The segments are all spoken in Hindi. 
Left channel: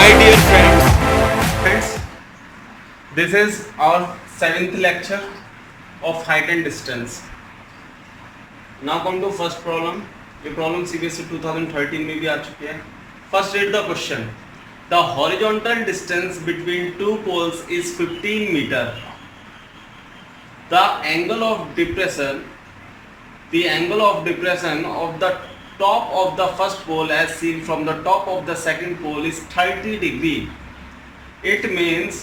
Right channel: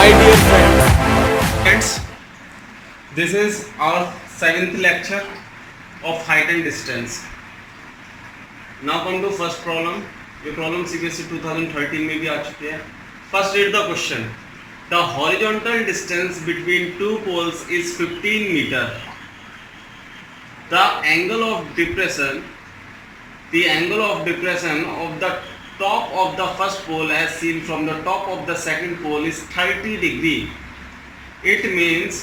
My dear friends, this is our 7th lecture of height and distance. Now come to first problem. ये problem CBSE 2013 में भी आ चुकी है. First read the question. The horizontal distance between two poles is 15 meter. The angle of depression of the top of the first pole as seen from the top of the second pole is 30 degree. It means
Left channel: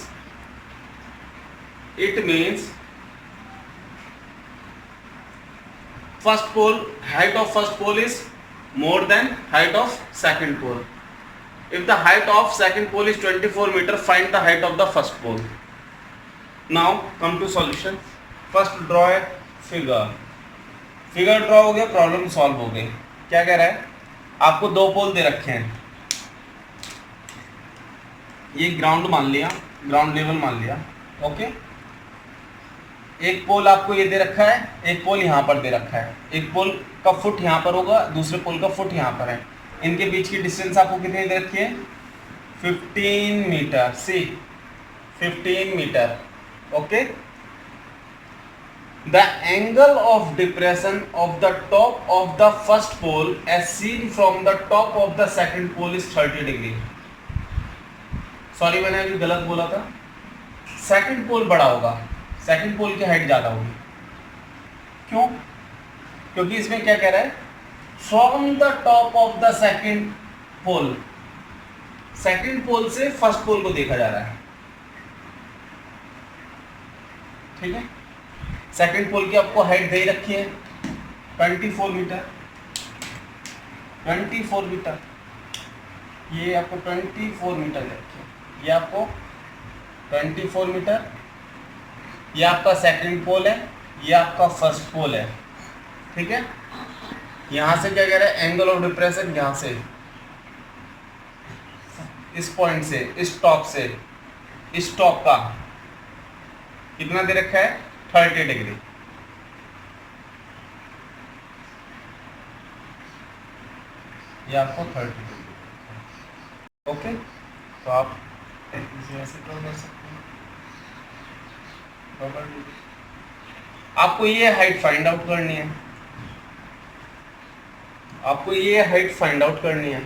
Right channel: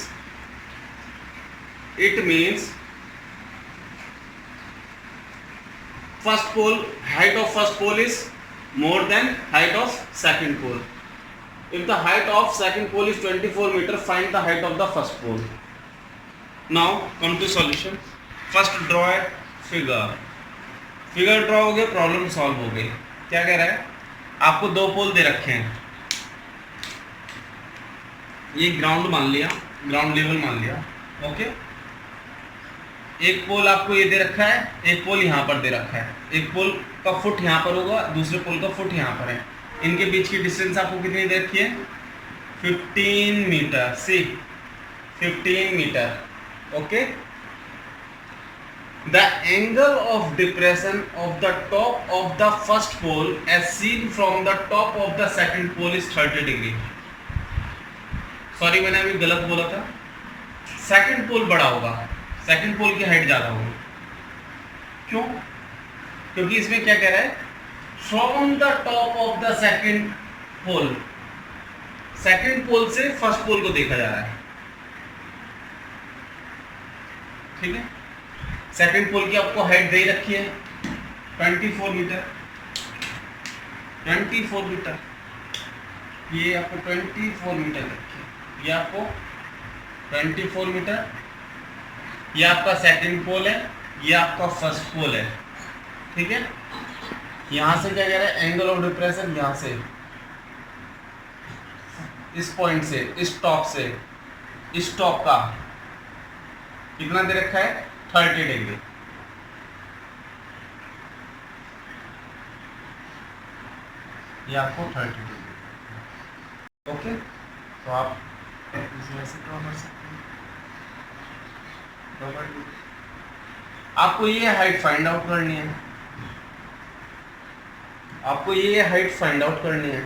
first pole, height of first pole is more than height of second pole. If the height of second pole is 24 meter, find the height of the first pole. Now come to solution. First draw a figure. Figure draw हो गया, प्रॉब्लम सॉल्व हो गई. क्या कह रहा है? आपको दो पोल दे रखे हैं. ये ग्राउंड मान लिया, ग्राउंड लेवल मान लिया. ओके, एक पोल आपको ये दे रखा है, एक पोल यहाँ पर दे रखा है. एक पोल का फुट यहाँ पर होगा, दूसरे पोल का फुट यहाँ पर है. इनके बीच की डिस्टेंस आपको कितनी दे रखी है? 15 metre. See 15 metre. Okay, the angle of depression of the top of the first pole as seen from the top of the second pole is 30 degree. Sorry, मैंने अभी गलत बोला था. सेकंड पोल बड़ा होगा, सेकंड पोल की हाइट ज़्यादा होगी. क्यों? क्योंकि इसमें क्या कह रहा है? From the top of the second pole, second pole से फर्स्ट पोल को देखा जा रहा है. ठीक है, सेकंड पोल की आपको हाइट दे रखी है 24 मीटर. 24 मीटर, ये आपको 24 मीटर रखी है. ये आपको 24 मीटर. ये आपका सेकंड पोल है, ये आपका फर्स्ट पोल है. ठीक है, यहां से क्या कह रहा है? एंगल ऑफ डिप्रेशन यहां से, इस पॉइंट से, इस टॉप से, इस टॉप का कितना दे रखा है? 30 डिग्री. ये आपको 30 डिग्री. ओके, तो आप इसमें से ड्रॉ कर सकते हैं. आपको ये हाइट फाइंड आउट करनी है. आपको ये हाइट फाइंड आउट करनी है.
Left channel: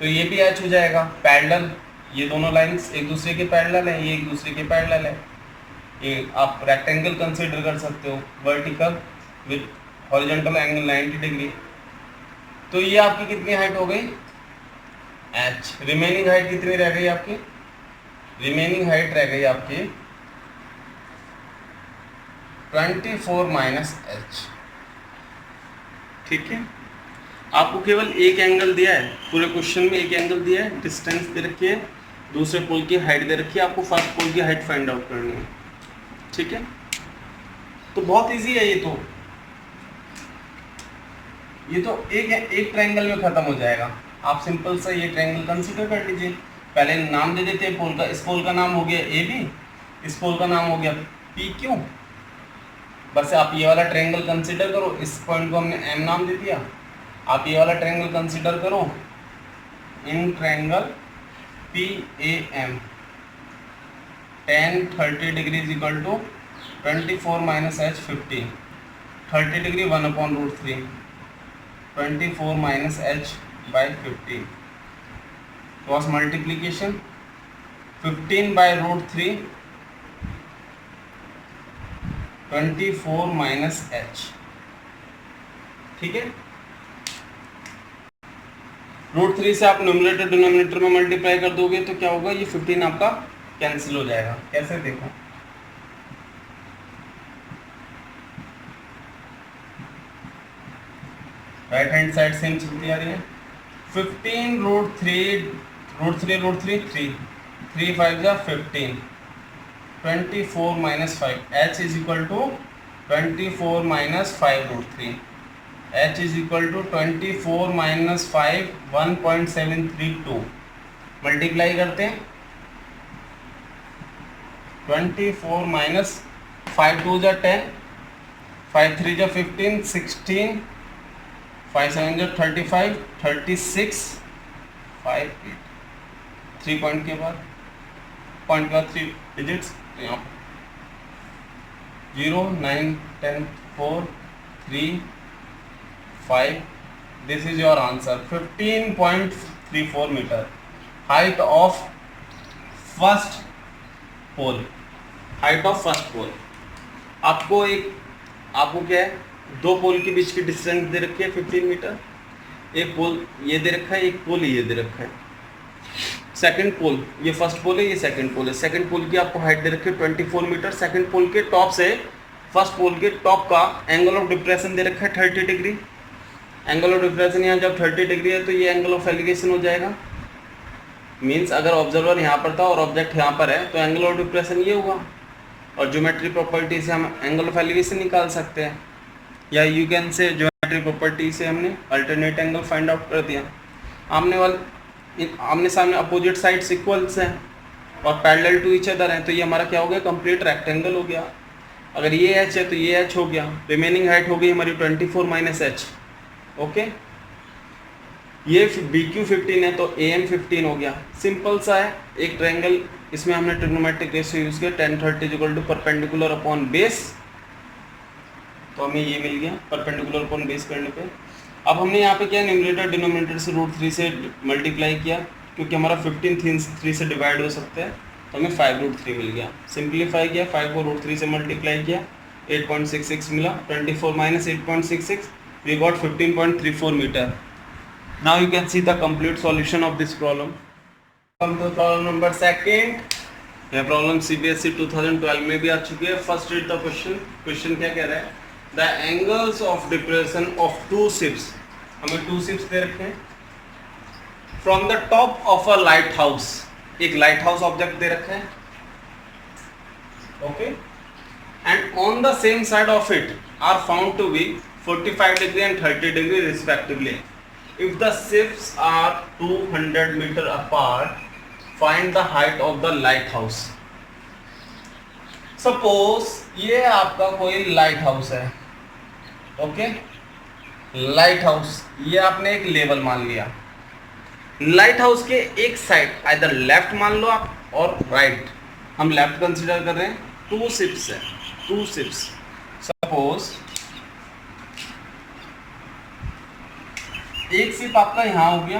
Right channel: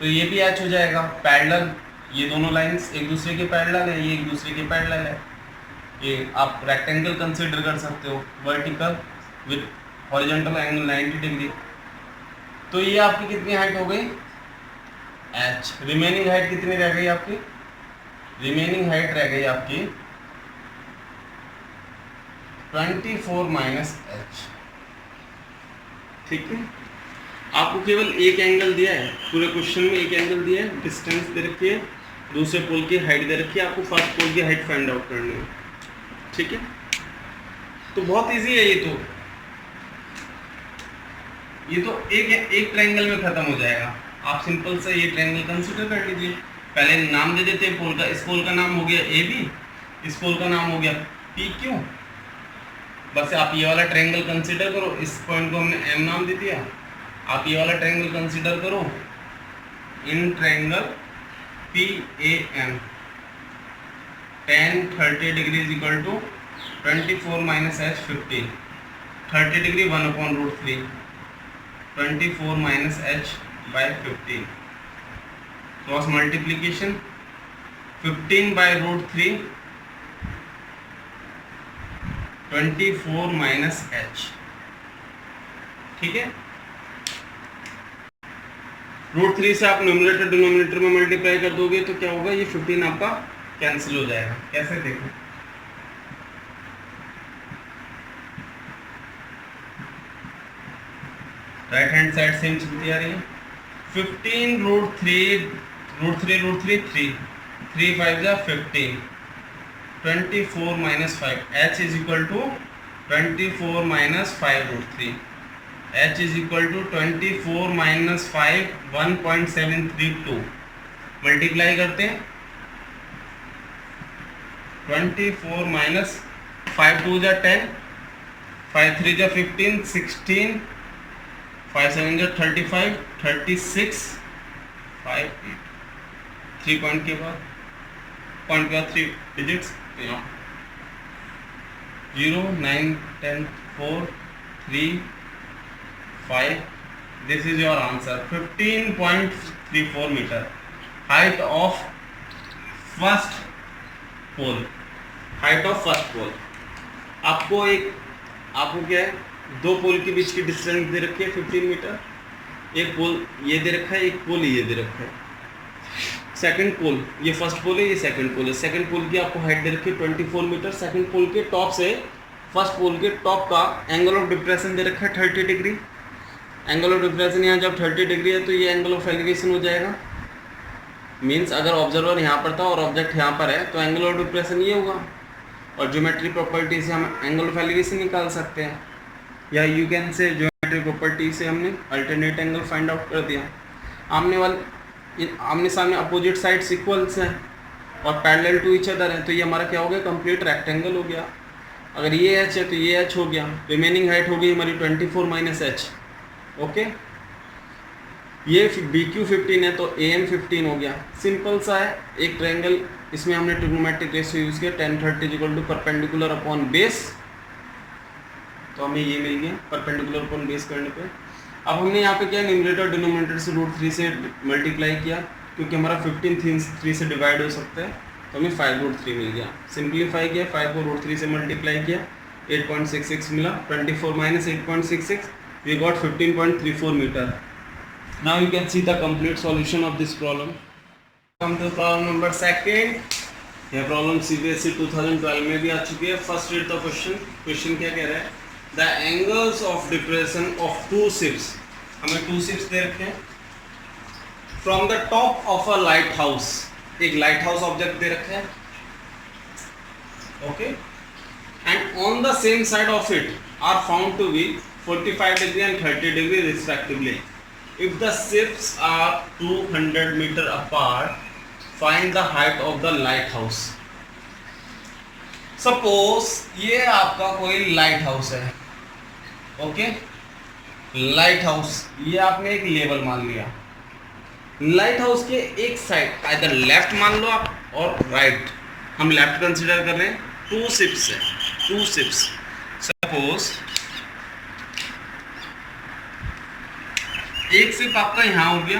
तो ये भी ऐच हो जाएगा पैरेलल. ये दोनों लाइंस एक दूसरे के पैरेलल है, ये एक दूसरे के पैरेलल है. ये आप रेक्टेंगल कंसीडर कर सकते हो, vertical with horizontal angle 90 degree. तो ये आपकी कितनी हाइट हो गई? h. रिमेनिंग हाइट कितनी रह गई आपकी? रिमेनिंग हाइट रह गई आपकी 24 माइनस h. ठीक है, आपको केवल एक एंगल दिया है, पूरे क्वेश्चन में एक एंगल दिया है, डिस्टेंस दे रखी है, दूसरे पोल की हाइट दे रखी है. आपको फर्स्ट पोल की हाइट फाइंड आउट करनी है. ठीक है, तो बहुत इजी है. ये तो एक ट्रायंगल में खत्म हो जाएगा. आप सिंपल से ये ट्रायंगल कंसीडर कर लीजिए. पहले नाम दे देते हैं पोल का. इस पोल का नाम हो गया AB, इस पोल का नाम हो गया PQ. बस आप ये वाला ट्रायंगल कंसीडर करो. इस पॉइंट को हमने M नाम दे दिया. आप ये वाला ट्रायंगल कंसीडर करो, in triangle PAM. tan 30 degree is equal to 24 minus h 15. 30 degree 1/√3, 24 minus h by 15. Cross multiplication 15/√3, 24 minus h. ठीक है, √3 से आप न्यूमरेटर डिनोमिनेटर में मल्टीप्लाई कर दोगे तो क्या होगा? ये 15 आपका कैंसिल हो जाएगा. कैसे? देखो, राइट हैंड साइड सेम चलती आ रही है. 15 √3 3 5 जा 15, 24 minus 5. h is equal to 24 minus 5√3. h is equal to 24 minus 5 1.732. Multiply करते हैं. 24 माइनस 5 2 जा 10, 5 3 जा 15, 16, 5 7 जा 35, 36, 5 8, 3 पॉइंट के बाद 3 डिजिट्स, तो यहाँ 0 9 10 4 3 5, this is your answer. 15.34 metre height of first pole, height of first pole. आपको क्या है, दो पोल के बीच की डिस्टेंस दे रखी है 15 मीटर, एक पोल ये दे रखा है, एक पोल ये दे रखा है। सेकंड पोल, ये फर्स्ट पोल है, ये सेकंड पोल है। सेकंड पोल की आपको हाइट दे रखी है 24 मीटर। सेकंड पोल के टॉप से फर्स्ट पोल के टॉप का एंगल ऑफ डिप्रेशन दे रखा है 30 डिग्री। एंगल ऑफ डिप्रेशन यहाँ जब 30 डिग्री है तो ये एंगल ऑफ एलिवेशन हो जाएगा। मीन्स अगर ऑब्जर्वर यहाँ पर था और ऑब्जेक्ट यहाँ पर है तो एंगल ऑफ डिप्रेशन ये होगा। और ज्योमेट्री प्रॉपर्टी से हम एंगल ऑफ एलिवेशन निकाल सकते हैं, या यू कैन से ज्योमेट्री प्रॉपर्टी से हमने अल्टरनेट एंगल फाइंड आउट कर दिया। आमने सामने अपोजिट साइड्स इक्वल्स हैं और पैरेलल टू ईच अदर है, तो ये हमारा क्या हो गया, कंप्लीट रेक्टेंगल हो गया। अगर ये एच है तो ये एच हो गया, रिमेनिंग हाइट हो गई हमारी 24 माइनस एच। ओके, ये बी क्यू 15 है तो ए एम 15 हो गया। सिंपल सा है एक ट्रायंगल, इसमें हमने ट्रिग्नोमेट्रिक रेशियो यूज़ किया 10 30 equal to perpendicular upon base, तो हमें ये मिल गया परपेंडिकुलर अपॉन बेस करने पे। अब हमने यहाँ पे क्या न्यूमरेटर डिनोमिनेटर से √3 से मल्टीप्लाई किया, क्योंकि हमारा 15 3 से डिवाइड हो सकता है, तो हमें 5√3 मिल गया। सिंप्लीफाई किया, 5 को √3 से मल्टीप्लाई किया, 8.66 मिला। 24 माइनस 8.66, we got 15.34 metre. Now you can see the complete solution of this problem. Come to problem number second. यह प्रॉब्लम CBSE 2012 में भी आ चुकी है। First read the question. Question क्या कह रहा है, the angles of depression of 2 ships, हमें 2 ships दे रखे हैं, from the top of a lighthouse, एक लाइट हाउस ऑब्जेक्ट दे रखे हैं, okay, and on the same side of it are found to be 45 degree and 30 degree respectively. If the ships are 200 meter apart, find the height of the lighthouse. Suppose ये आपका कोई लाइट हाउस है, ओके, लाइट हाउस, ये आपने एक लेवल मान लिया। लाइट हाउस के एक साइड आइदर लेफ्ट मान लो आप और राइट, हम लेफ्ट कंसिडर कर रहे हैं। 2 ships है, 2 ships। सपोज एक शिप आपका यहाँ हो गया,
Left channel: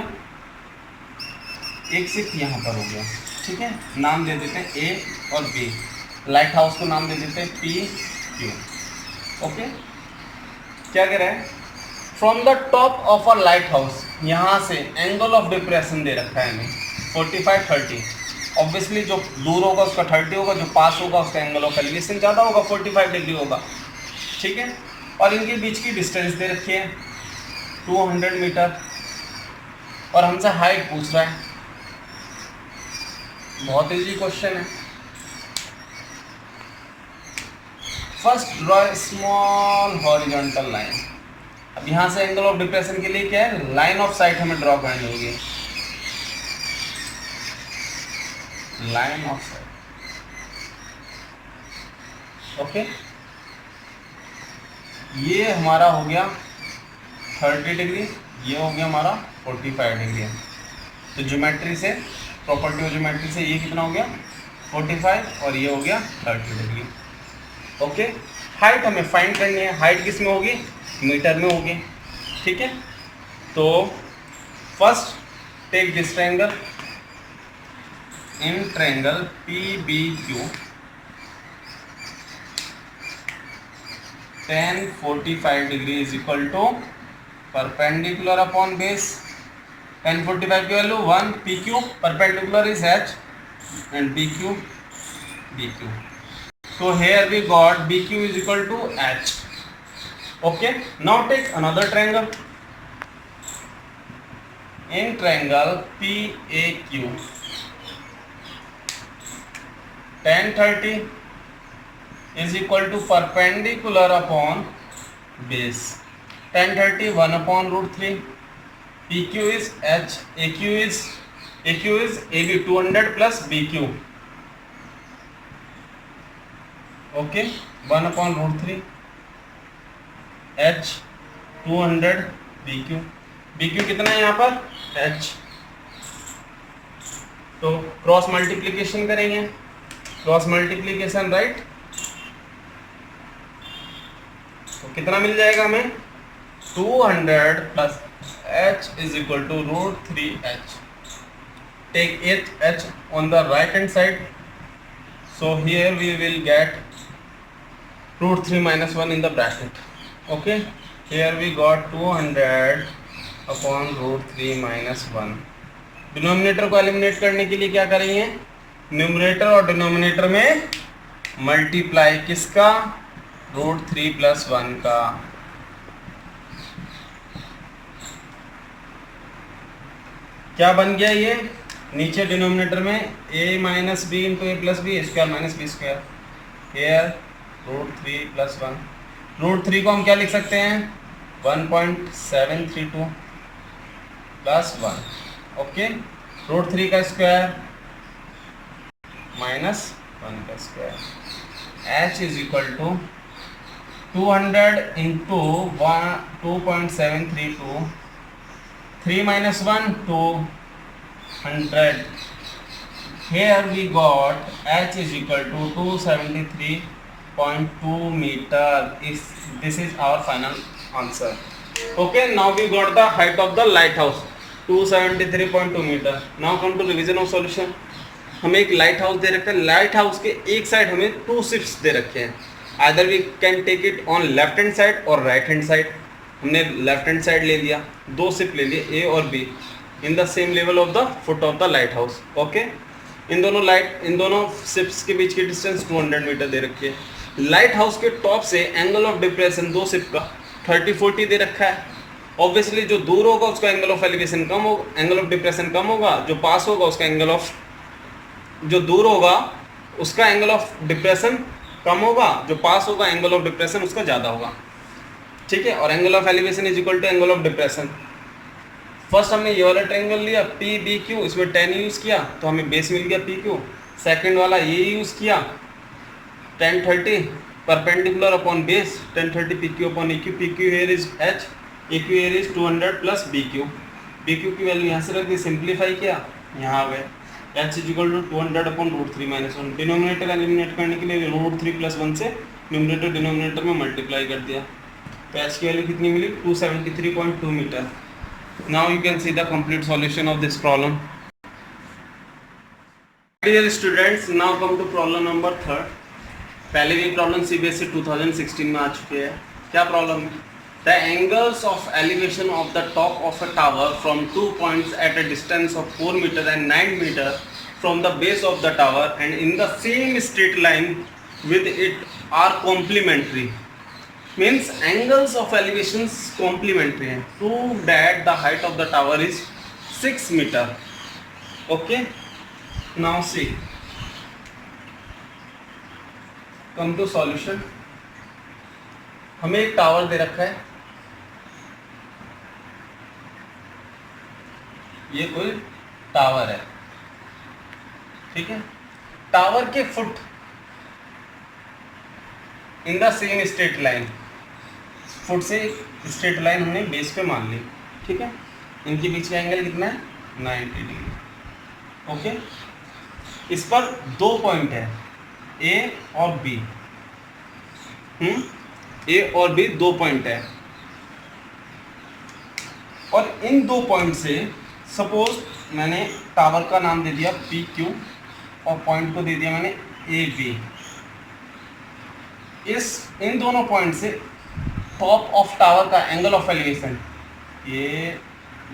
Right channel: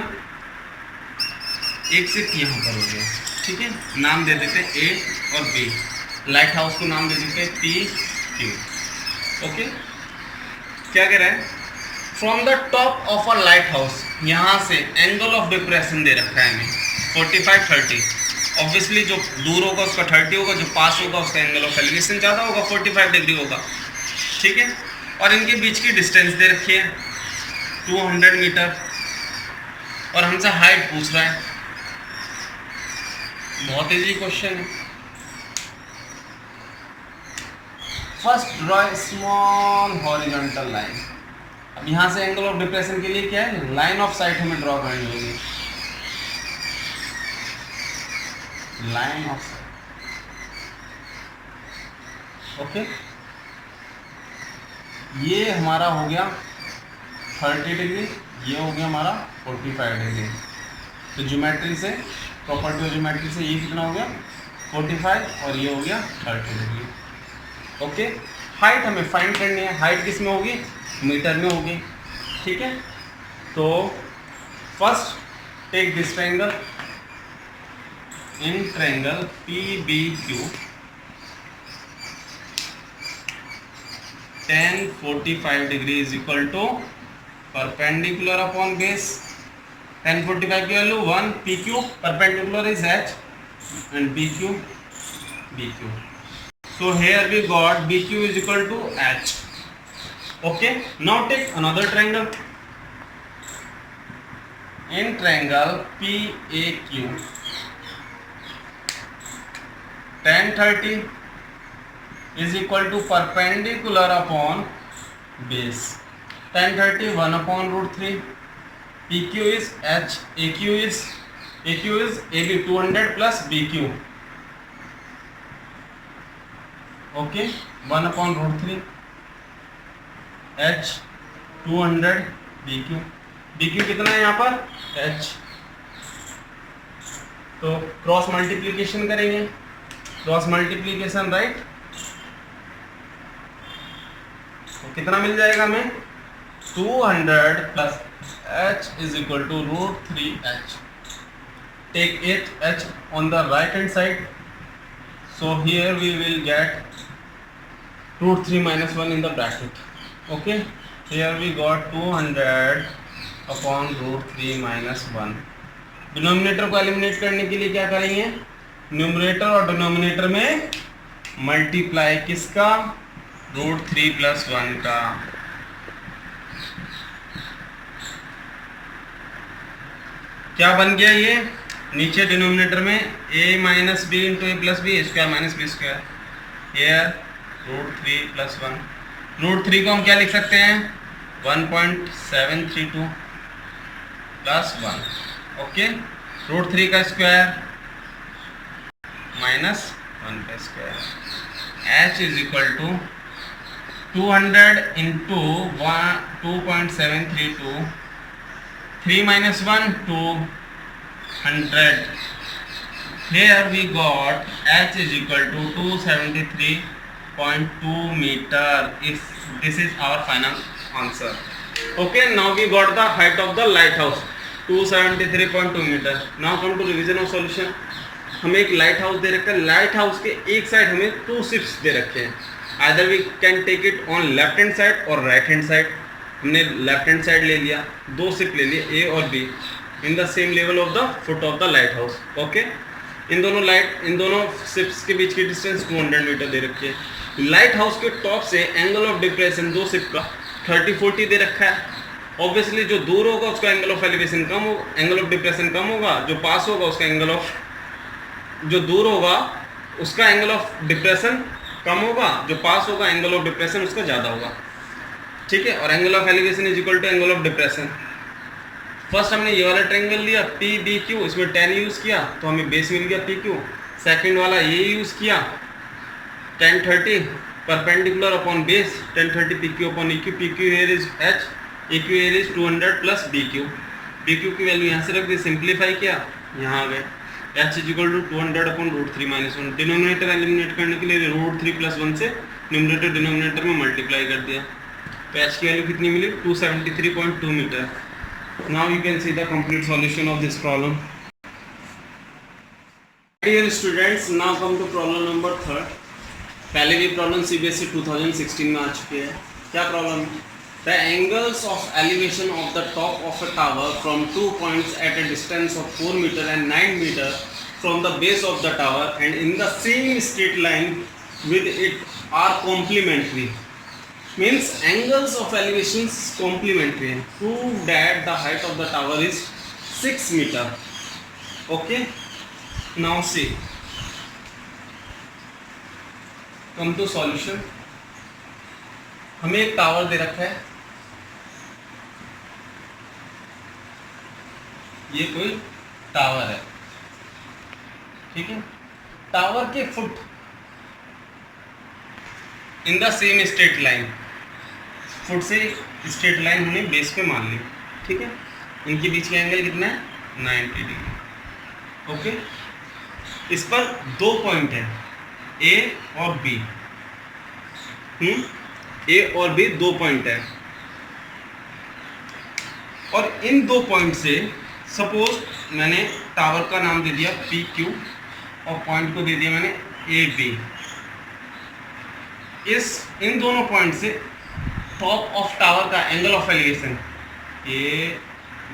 एक शिप यहाँ पर हो गया, ठीक है। नाम दे देते हैं ए और बी, लाइट हाउस को नाम दे देते हैं पी क्यू, ओके। क्या कह रहा है, from the top of a light house, यहाँ से एंगल ऑफ डिप्रेशन दे रखा है हमें 45 30। ऑब्वियसली जो दूर होगा उसका 30 होगा, जो पास होगा उसका एंगल ऑफ एलिवेशन ज़्यादा होगा, 45 डिग्री होगा, ठीक है। और इनके बीच की डिस्टेंस दे रखी है 200 मीटर, और हमसे हाइट पूछ रहा है। बहुत इजी क्वेश्चन है। First draw small horizontal line. अब यहाँ से एंगल ऑफ डिप्रेशन के लिए क्या है, लाइन ऑफ साइट हमें ड्रॉ करनी होगी, लाइन ऑफ साइट, ओके। ये हमारा हो गया 30 डिग्री, ये हो गया हमारा 45 डिग्री। तो ज्योमेट्री से, प्रॉपर्टी ऑफ ज्योमेट्री से ये कितना हो गया 45 और ये हो गया 30 डिग्री, ओके। हाइट हमें फाइंड करनी है, हाइट किस में होगी, मीटर में होगी, ठीक है। तो first take this triangle, in triangle PBQ 10 45 degree is equal to perpendicular upon base. 10 45 की value 1, PQ perpendicular is H and BQ। So here we got BQ is equal to H, okay. Now take another triangle, in triangle PAQ 10 30 is equal to perpendicular upon base। 10 30 1 upon √3, PQ is H, AQ is AB 200 plus BQ, okay, 1 upon √3 H 200 BQ कितना है यहाँ पर H, तो क्रॉस मल्टीप्लीकेशन करेंगे, क्रॉस मल्टीप्लीकेशन राइट, तो कितना मिल जाएगा हमें 200 plus h is equal to √3h. Take h on the right hand side, so here we will get √3 minus 1 in the bracket. Okay, here we got 200 upon √3 minus 1. Denominator को एलिमिनेट करने के लिए क्या करेंगे, न्यूमरेटर और डिनोमिनेटर में मल्टीप्लाई किसका, √3 प्लस 1 का. क्या बन गया ये, नीचे डिनोमिनेटर में a minus b into a plus b, square minus b square, here √3 plus 1. √3 को हम क्या लिख सकते हैं 1.732 प्लस 1. ओके, √3 का स्क्वायर माइनस 1 का square, h is equal to 200 into 2.732, 3 minus 1 200. Here we got h is equal to 273.2 meter. This is our final answer. Okay, now we got the height of the lighthouse 273.2 meter. Now come to revision of solution. हमें एक लाइट हाउस दे रखा है, लाइट हाउस के एक साइड हमें 2 शिप्स दे रखे हैं. Either we can take it on left hand side और राइट हैंड साइड. हमने लेफ्ट हैंड साइड ले लिया, 2 शिप ले लिए ए और B in the same level of the foot of the lighthouse. Okay, इन दोनों शिप्स के बीच की डिस्टेंस 200 मीटर दे रखी है. लाइट हाउस के टॉप से एंगल ऑफ डिप्रेशन 2 शिप का 30-40 दे रखा है. ऑब्वियसली जो दूर होगा उसका एंगल ऑफ एलिवेशन कम होगा, एंगल ऑफ डिप्रेशन कम होगा. जो पास होगा उसका एंगल ऑफ, जो दूर होगा उसका एंगल ऑफ डिप्रेशन कम होगा, जो पास होगा एंगल ऑफ डिप्रेशन उसका ज़्यादा होगा. ठीक है, और angle of elevation is equal to angle of depression. First हमने ये वाला ट्रायंगल लिया पी बी क्यू, इसमें 10 यूज़ किया तो हमें बेस मिल गया पी क्यू. सेकेंड वाला ये यूज़ किया 10-30 perpendicular upon base 10-30 P Q upon E Q. P Q here is H, A Q here is 200 plus B Q. B Q की वैल्यू यहाँ से रख दी, सिंप्लीफाई किया, यहाँ आ गए h is equal to 200 upon √3 minus 1. Denominator eliminate करने के लिए √3 प्लस 1 से न्यूमरेटर डिनोमिनेटर में मल्टीप्लाई कर दिया, तो h की वैल्यू कितनी मिली 273.2 metre. Now you can see the complete solution of this problem. Dear students, now come to problem number 3. पहले भी प्रॉब्लम सीबीएसई 2016 में आ चुकी है. क्या प्रॉब्लम है, the angles of elevation of the top of a tower from 2 points at a distance of 4 metre and 9 metre from the base of the tower and in the same straight line with it are complementary. Means angles of elevations complementary. Prove that the height of the tower is 6 meter. Okay. Now see. Come to solution. हमें एक टावर दे रखा है, ये कोई टावर है. ठीक है, टावर के foot in the same straight line, foot से स्ट्रेट लाइन हमने बेस पे मान ली. ठीक है, इनके बीच का एंगल कितना है 90 डिग्री. ओके, इस पर 2 पॉइंट है ए और बी. ए और बी 2 पॉइंट है, और इन 2 पॉइंट से सपोज मैंने टावर का नाम दे दिया पी क्यू और पॉइंट को दे दिया मैंने ए बी. इन दोनों पॉइंट से टॉप ऑफ टावर का एंगल ऑफ एलिवेशन ए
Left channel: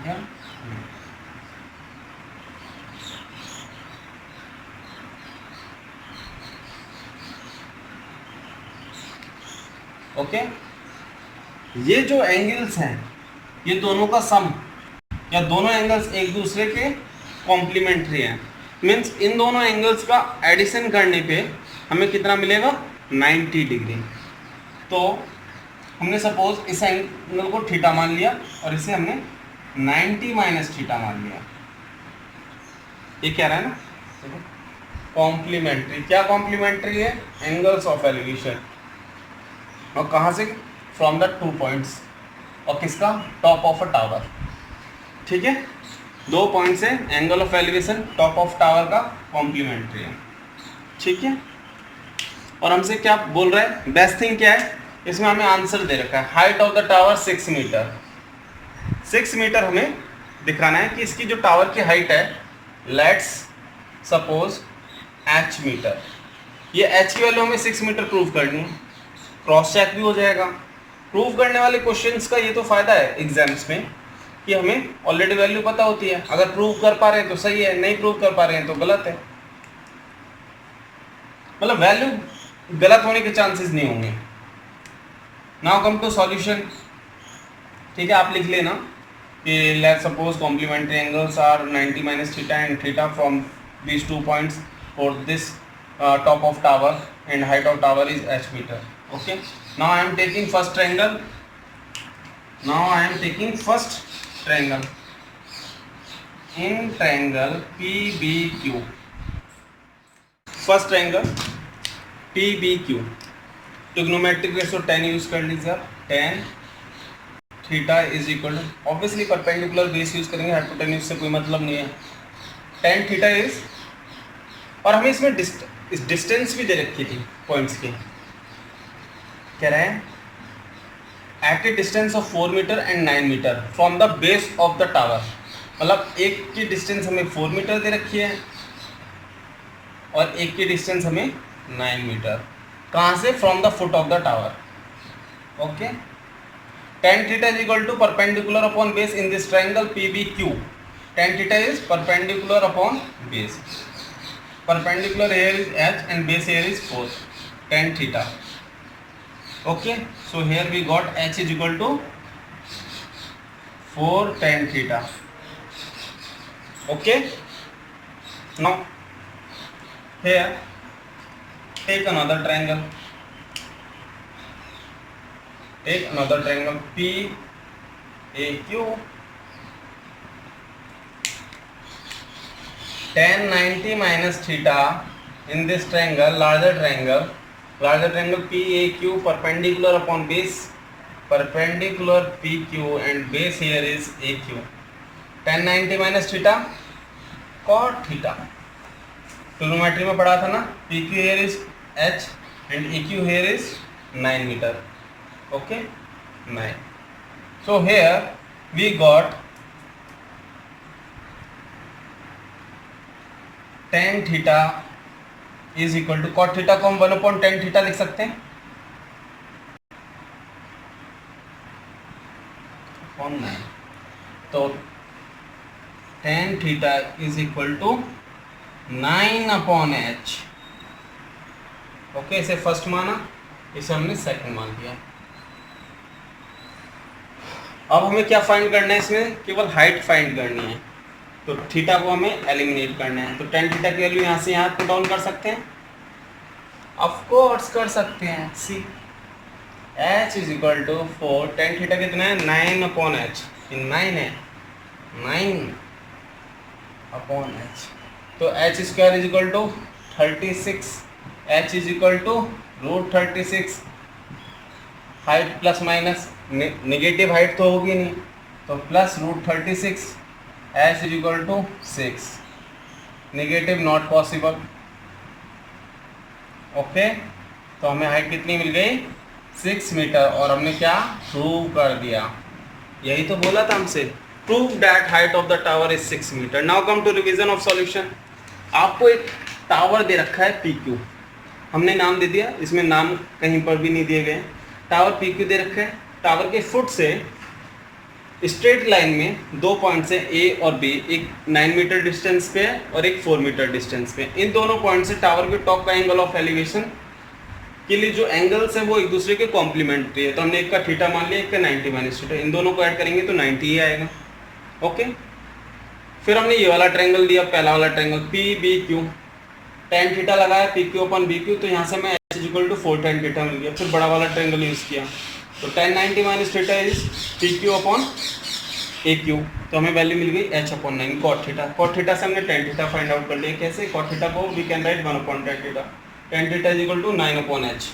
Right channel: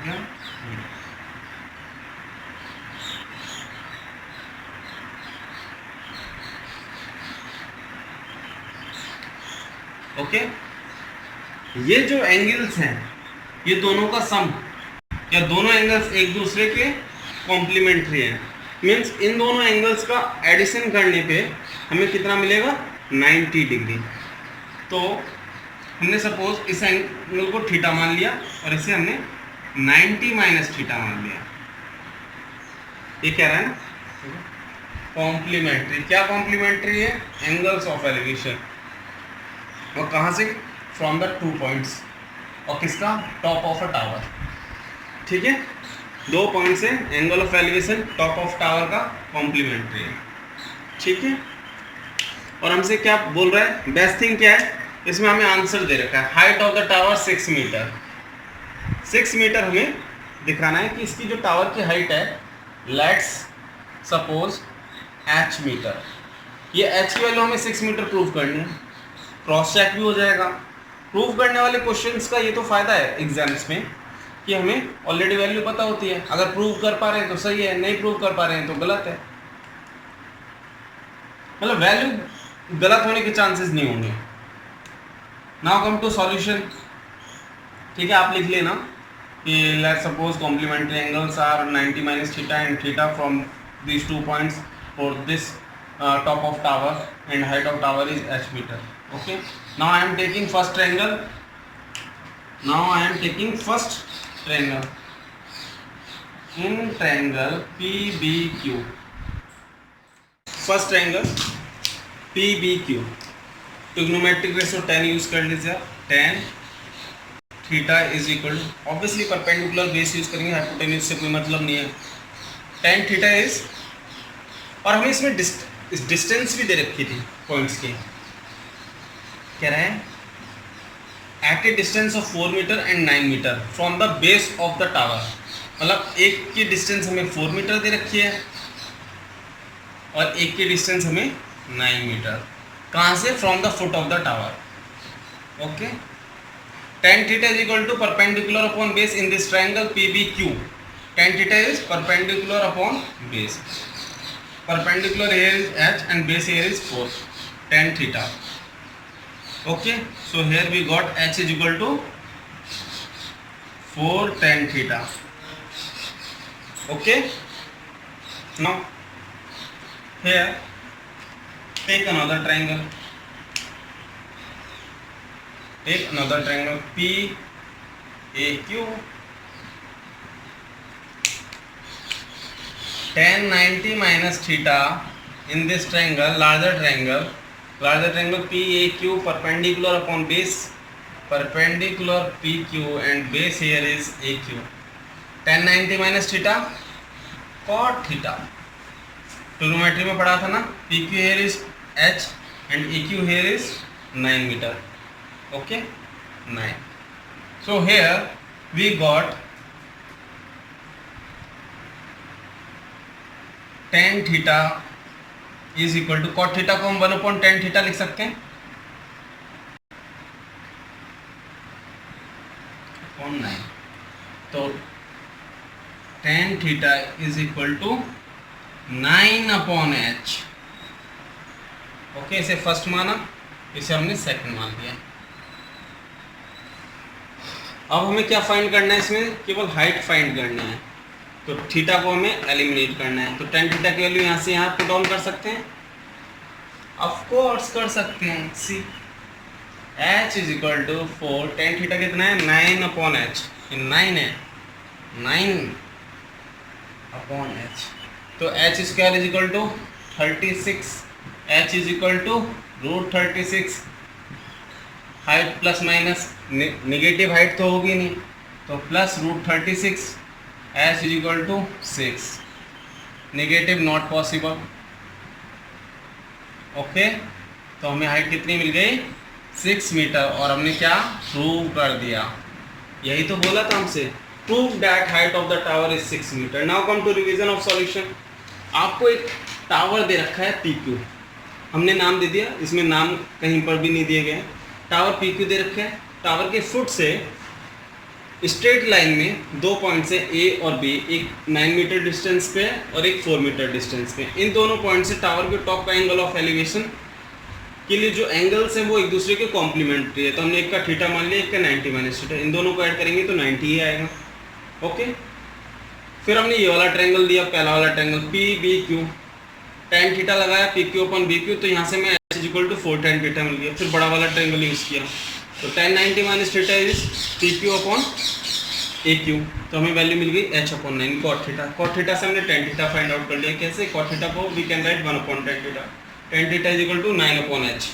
या ओके. ये जो एंगल्स हैं ये दोनों का सम या दोनों एंगल्स एक दूसरे के कॉम्प्लीमेंट्री हैं. मीन्स इन दोनों एंगल्स का एडिशन करने पे हमें कितना मिलेगा 90 डिग्री. तो हमने सपोज इस एंगल को थीटा मान लिया और इसे हमने 90 माइनस थीटा मान लिया. ये क्या रहा है ना कॉम्प्लीमेंट्री. क्या कॉम्प्लीमेंट्री है, एंगल्स ऑफ एलिवेशन. और कहाँ से, फ्रॉम द 2 पॉइंट्स, और किसका, टॉप ऑफ अ टावर. ठीक है, 2 पॉइंट से angle of elevation top of tower का कॉम्प्लीमेंट्री है, ठीक है। और हमसे क्या बोल रहा है, बेस्ट थिंग क्या है, इसमें हमें आंसर दे रखा है height of the tower 6 metre. 6 metre हमें दिखाना है कि इसकी जो टावर की हाइट है, लेट्स सपोज h मीटर, ये h की वैल्यू हमें 6 मीटर प्रूव करनी है। क्रॉस चेक भी हो जाएगा। प्रूव करने वाले क्वेश्चंस का ये तो फायदा है एग्जाम्स में कि हमें ऑलरेडी वैल्यू पता होती है। अगर प्रूव कर पा रहे हैं तो सही है, नहीं प्रूव कर पा रहे हैं तो गलत है, मतलब वैल्यू गलत होने के चांसेस नहीं होंगे। नाउ कम टू सॉल्यूशन, ठीक है। आप लिख लेना कि let's suppose complementary angles are 90 minus theta and theta from these 2 points for this top of tower and height of tower is h meter. Okay, now I am taking first triangle. In triangle PBQ, first triangle PBQ, trigonometric ratio tan use कर लीजिए आप। tan theta is equal to, obviously perpendicular base use करेंगे, हाइपोटेन्यूज से कोई मतलब नहीं है। tan थीटा इज, और हमें इसमें डिस्टेंस भी दे रखी थी पॉइंट्स की, कह रहे हैं at a distance of 4 metre and 9 metre from the base of the tower, मतलब एक की डिस्टेंस हमें 4 मीटर दे रखी है और एक की डिस्टेंस हमें 9 मीटर। कहाँ से? From the foot of the tower. Okay, tan theta is equal to perpendicular upon base in this triangle PBQ। tan theta is perpendicular upon base, perpendicular here is h and base here is 4, tan theta. Okay, so here we got h is equal to 4 tan theta. Okay, now here take another triangle, PAQ. tan 90 minus theta in this triangle, larger triangle PAQ, perpendicular upon base, perpendicular PQ and base here is AQ. tan 90 minus theta cot theta, trigonometry में पढ़ा था ना, PQ here is h and AQ here is 9 meter. Okay, 9. So here we got tan theta is equal to cot theta को हम 1/tan थीटा लिख सकते हैं अपॉन 9, तो tan theta is equal to 9/h। Okay, इसे फर्स्ट माना, इसे हमने सेकंड मान दिया। अब हमें क्या फाइंड करना है, इसमें केवल हाइट फाइंड करनी है, तो थीटा को हमें एलिमिनेट करना है। तो tan थीटा की वैल्यू यहाँ से यहाँ पुट डाउन कर सकते हैं, ऑफ कोर्स कर सकते हैं। See h is equal to 4, tan theta कितना है 9/h, 9 है 9/h, तो h square is equal to 36, h is equal to √36। Height plus minus, negative height तो होगी नहीं, तो plus √36, h is equal to 6, negative not possible. Okay, तो हमें हाइट कितनी मिल गई 6 मीटर, और हमने क्या प्रूव कर दिया, यही तो बोला था हमसे, prove that height of the tower is 6 metre. Now come to revision of solution. आपको एक टावर दे रखा है PQ, हमने नाम दे दिया, इसमें नाम कहीं पर भी नहीं दिए गए। टावर PQ दे रखे है, टावर के फुट से स्ट्रेट लाइन में 2 पॉइंट से A और B, एक 9 मीटर डिस्टेंस पे और एक 4 मीटर डिस्टेंस पे, इन दोनों पॉइंट से टावर के टॉप का एंगल ऑफ एलिवेशन के लिए जो एंगल्स हैं वो एक दूसरे के कॉम्प्लीमेंट्री है। तो हमने एक का थीटा मान लिया, एक का 90 माइनस थीटा, इन दोनों को ऐड करेंगे तो 90 ही आएगा। ओके, फिर हमने ये वाला ट्रायंगल दिया, पहला वाला ट्रायंगल PBQ, tan थीटा लगाया PQ अपॉन BQ, तो यहाँ से मैं h is equal to 4 tan theta मिल गया। फिर बड़ा वाला ट्रायंगल यूज़ किया, तो tan 90 minus theta is PQ upon AQ, तो हमें वैल्यू मिल गई h/9 cot theta. cot theta से हमने tan थीटा फाइंड आउट कर लिया। कैसे? cot थीटा को we can write 1/tan theta, tan theta is equal to 9/h।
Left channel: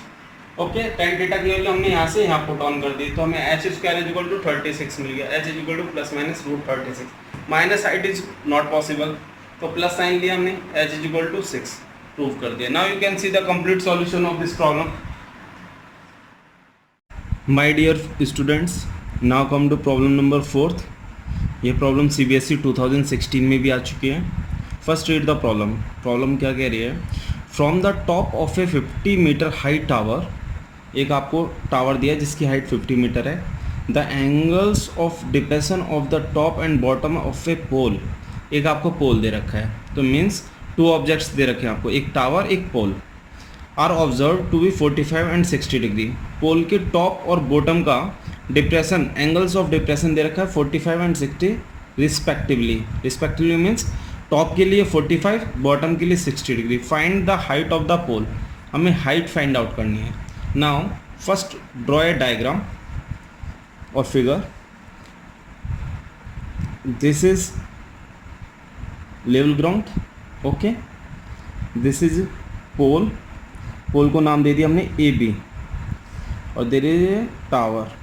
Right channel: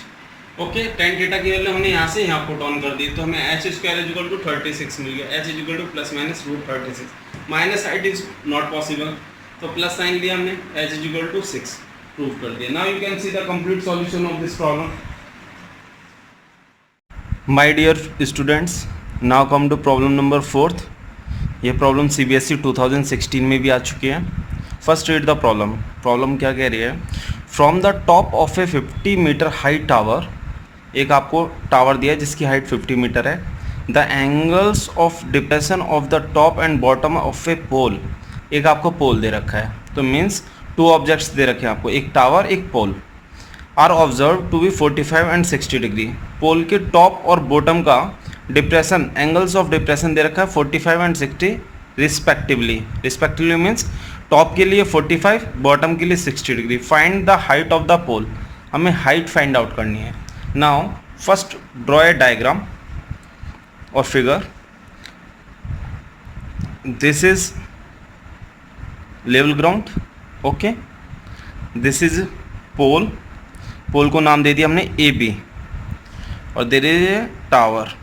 Okay, tan theta की वैल्यू हमने यहाँ से यहाँ पुट ऑन कर दी, तो हमें h square is equal to 36 मिल गया, h is equal to plus minus √36। Minus height is not possible, तो प्लस साइन लिया हमने, h is equal to 6 prove कर दिया। Now you can see the complete solution of this problem. My dear students, now come to problem number 4th। ये प्रॉब्लम CBSE 2016 में भी आ चुकी है। First read the problem. Problem क्या कह रही है? From the top of a 50 metre high tower, एक आपको टावर दिया है जिसकी हाइट 50 मीटर है। The angles of depression of the top and bottom of a pole, एक आपको पोल दे रखा है, तो मीन्स 2 ऑब्जेक्ट्स दे रखे हैं आपको, एक टावर एक pole, are observe to be 45 and 60 degree. Pole के टॉप और बॉटम का डिप्रेशन, एंगल्स ऑफ डिप्रेशन दे रखा है 45 and 60 respectively. Respectively means top के लिए 45, बॉटम के लिए 60 degree. Find the height of the pole, हमें हाइट फाइंड आउट करनी है। Now first draw a diagram और figure. This is level ground, okay, this is pole, pole को नाम दे दिया हमने AB, और देयर इज ए टावर,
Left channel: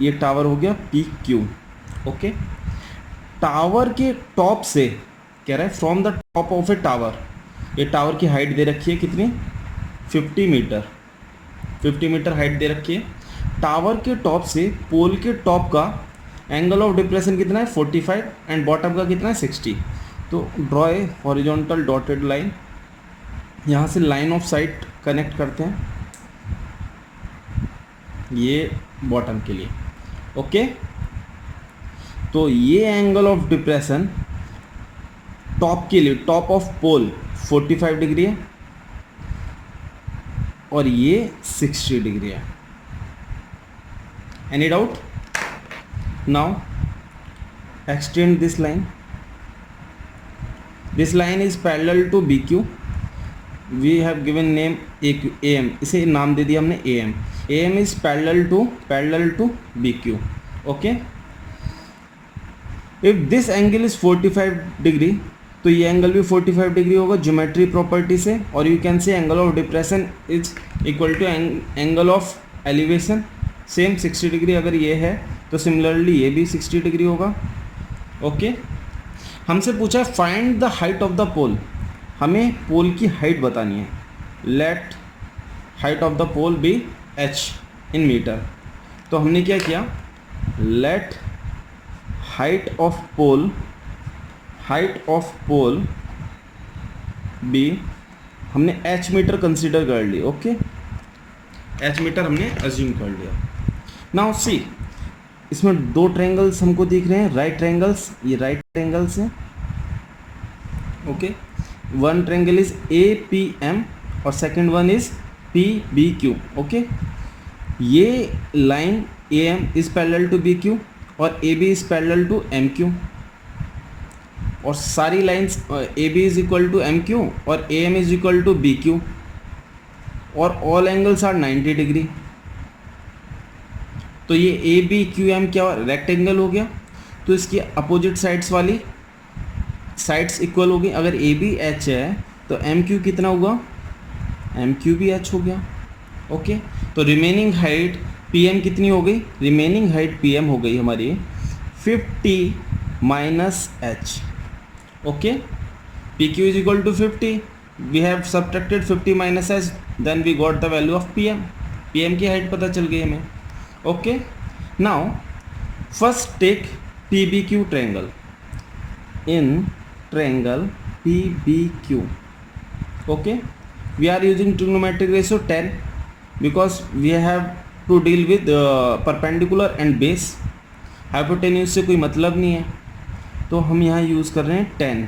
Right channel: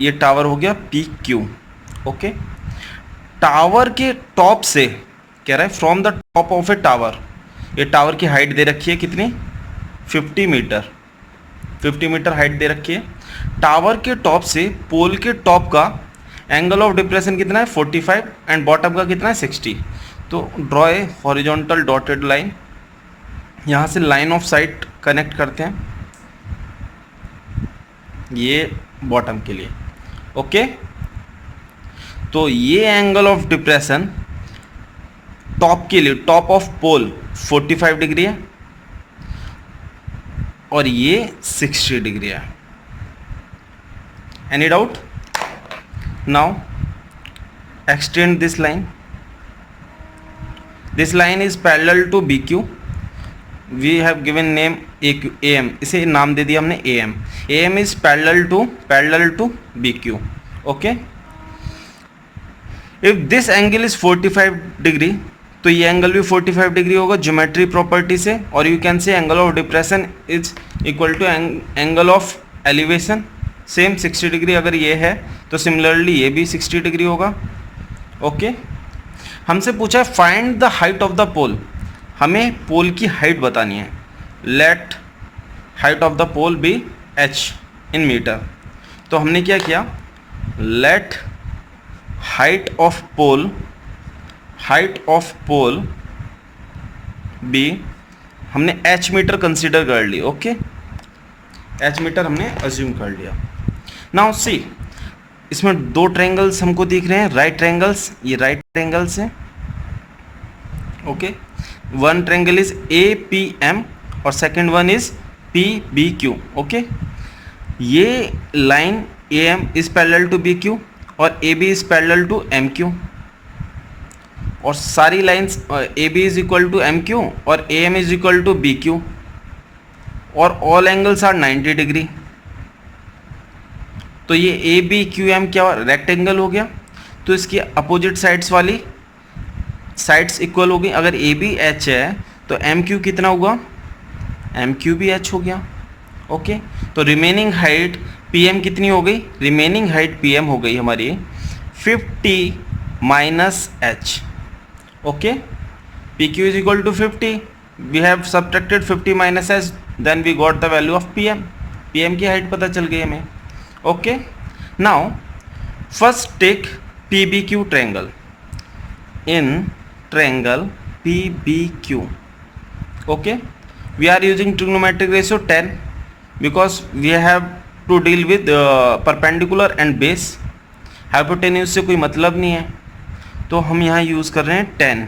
ये टावर हो गया PQ, ओके। टावर के टॉप से कह रहा है from the top of a tower, ये टावर की हाइट दे रखी है कितनी? 50 मीटर, 50 मीटर हाइट दे रखी है। टावर के टॉप से पोल के टॉप का एंगल ऑफ डिप्रेशन कितना है? 45 एंड बॉटम का कितना है? 60। तो draw a horizontal dotted line, यहाँ से लाइन ऑफ साइट कनेक्ट करते हैं, ये बॉटम के लिए, ओके। तो ये एंगल ऑफ डिप्रेशन टॉप के लिए, टॉप ऑफ पोल 45 डिग्री है और ये 60 डिग्री है। Any doubt? Now extend this line, this line is parallel to BQ, we have given name AM, इसे नाम दे दिया हमने AM। AM is parallel to BQ, okay. If this angle is 45 degree, तो ये एंगल भी 45 डिग्री होगा ज्योमेट्री प्रॉपर्टी से, और you can say angle of depression is equal to angle of elevation, same 60 degree अगर ये है तो सिमिलरली ये भी 60 डिग्री होगा, ओके। हमसे पूछा है find the height of the pole, हमें पोल की हाइट बतानी है। Let height of the pole be h in metre. तो हमने क्या किया? Let height of pole be, हमने h मीटर कंसीडर कर ली, ओके, h मीटर हमने अज्यूम कर लिया। नाउ सी, इसमें 2 ट्रायंगल्स हमको दिख रहे हैं, राइट ट्रायंगल्स, ये राइट ट्रायंगल्स हैं, okay. One triangle is APM और second one is PBQ, okay. ये line AM is parallel to BQ और AB is parallel to MQ, और सारी lines AB is equal to MQ और AM is equal to BQ, और ऑल एंगल्स आर 90 डिग्री। तो ये ABQM क्या रेक्टेंगल हो गया, तो इसकी अपोजिट साइड्स वाली साइड्स इक्वल हो गई। अगर AB H है तो MQ कितना होगा? MQ भी H हो गया, ओके। तो रिमेनिंग हाइट PM कितनी हो गई? रिमेनिंग हाइट PM हो गई हमारी 50 minus H, okay. PQ is equal to 50, we have subtracted 50 minus H, then we got the value of PM। PM की हाइट पता चल गई हमें, okay. Now first take PBQ triangle. In triangle PBQ, okay, we are using trigonometric ratio 10 because we have to deal with perpendicular and base। hypotenuse से कोई मतलब नहीं है, तो हम यहाँ यूज़ कर रहे हैं 10।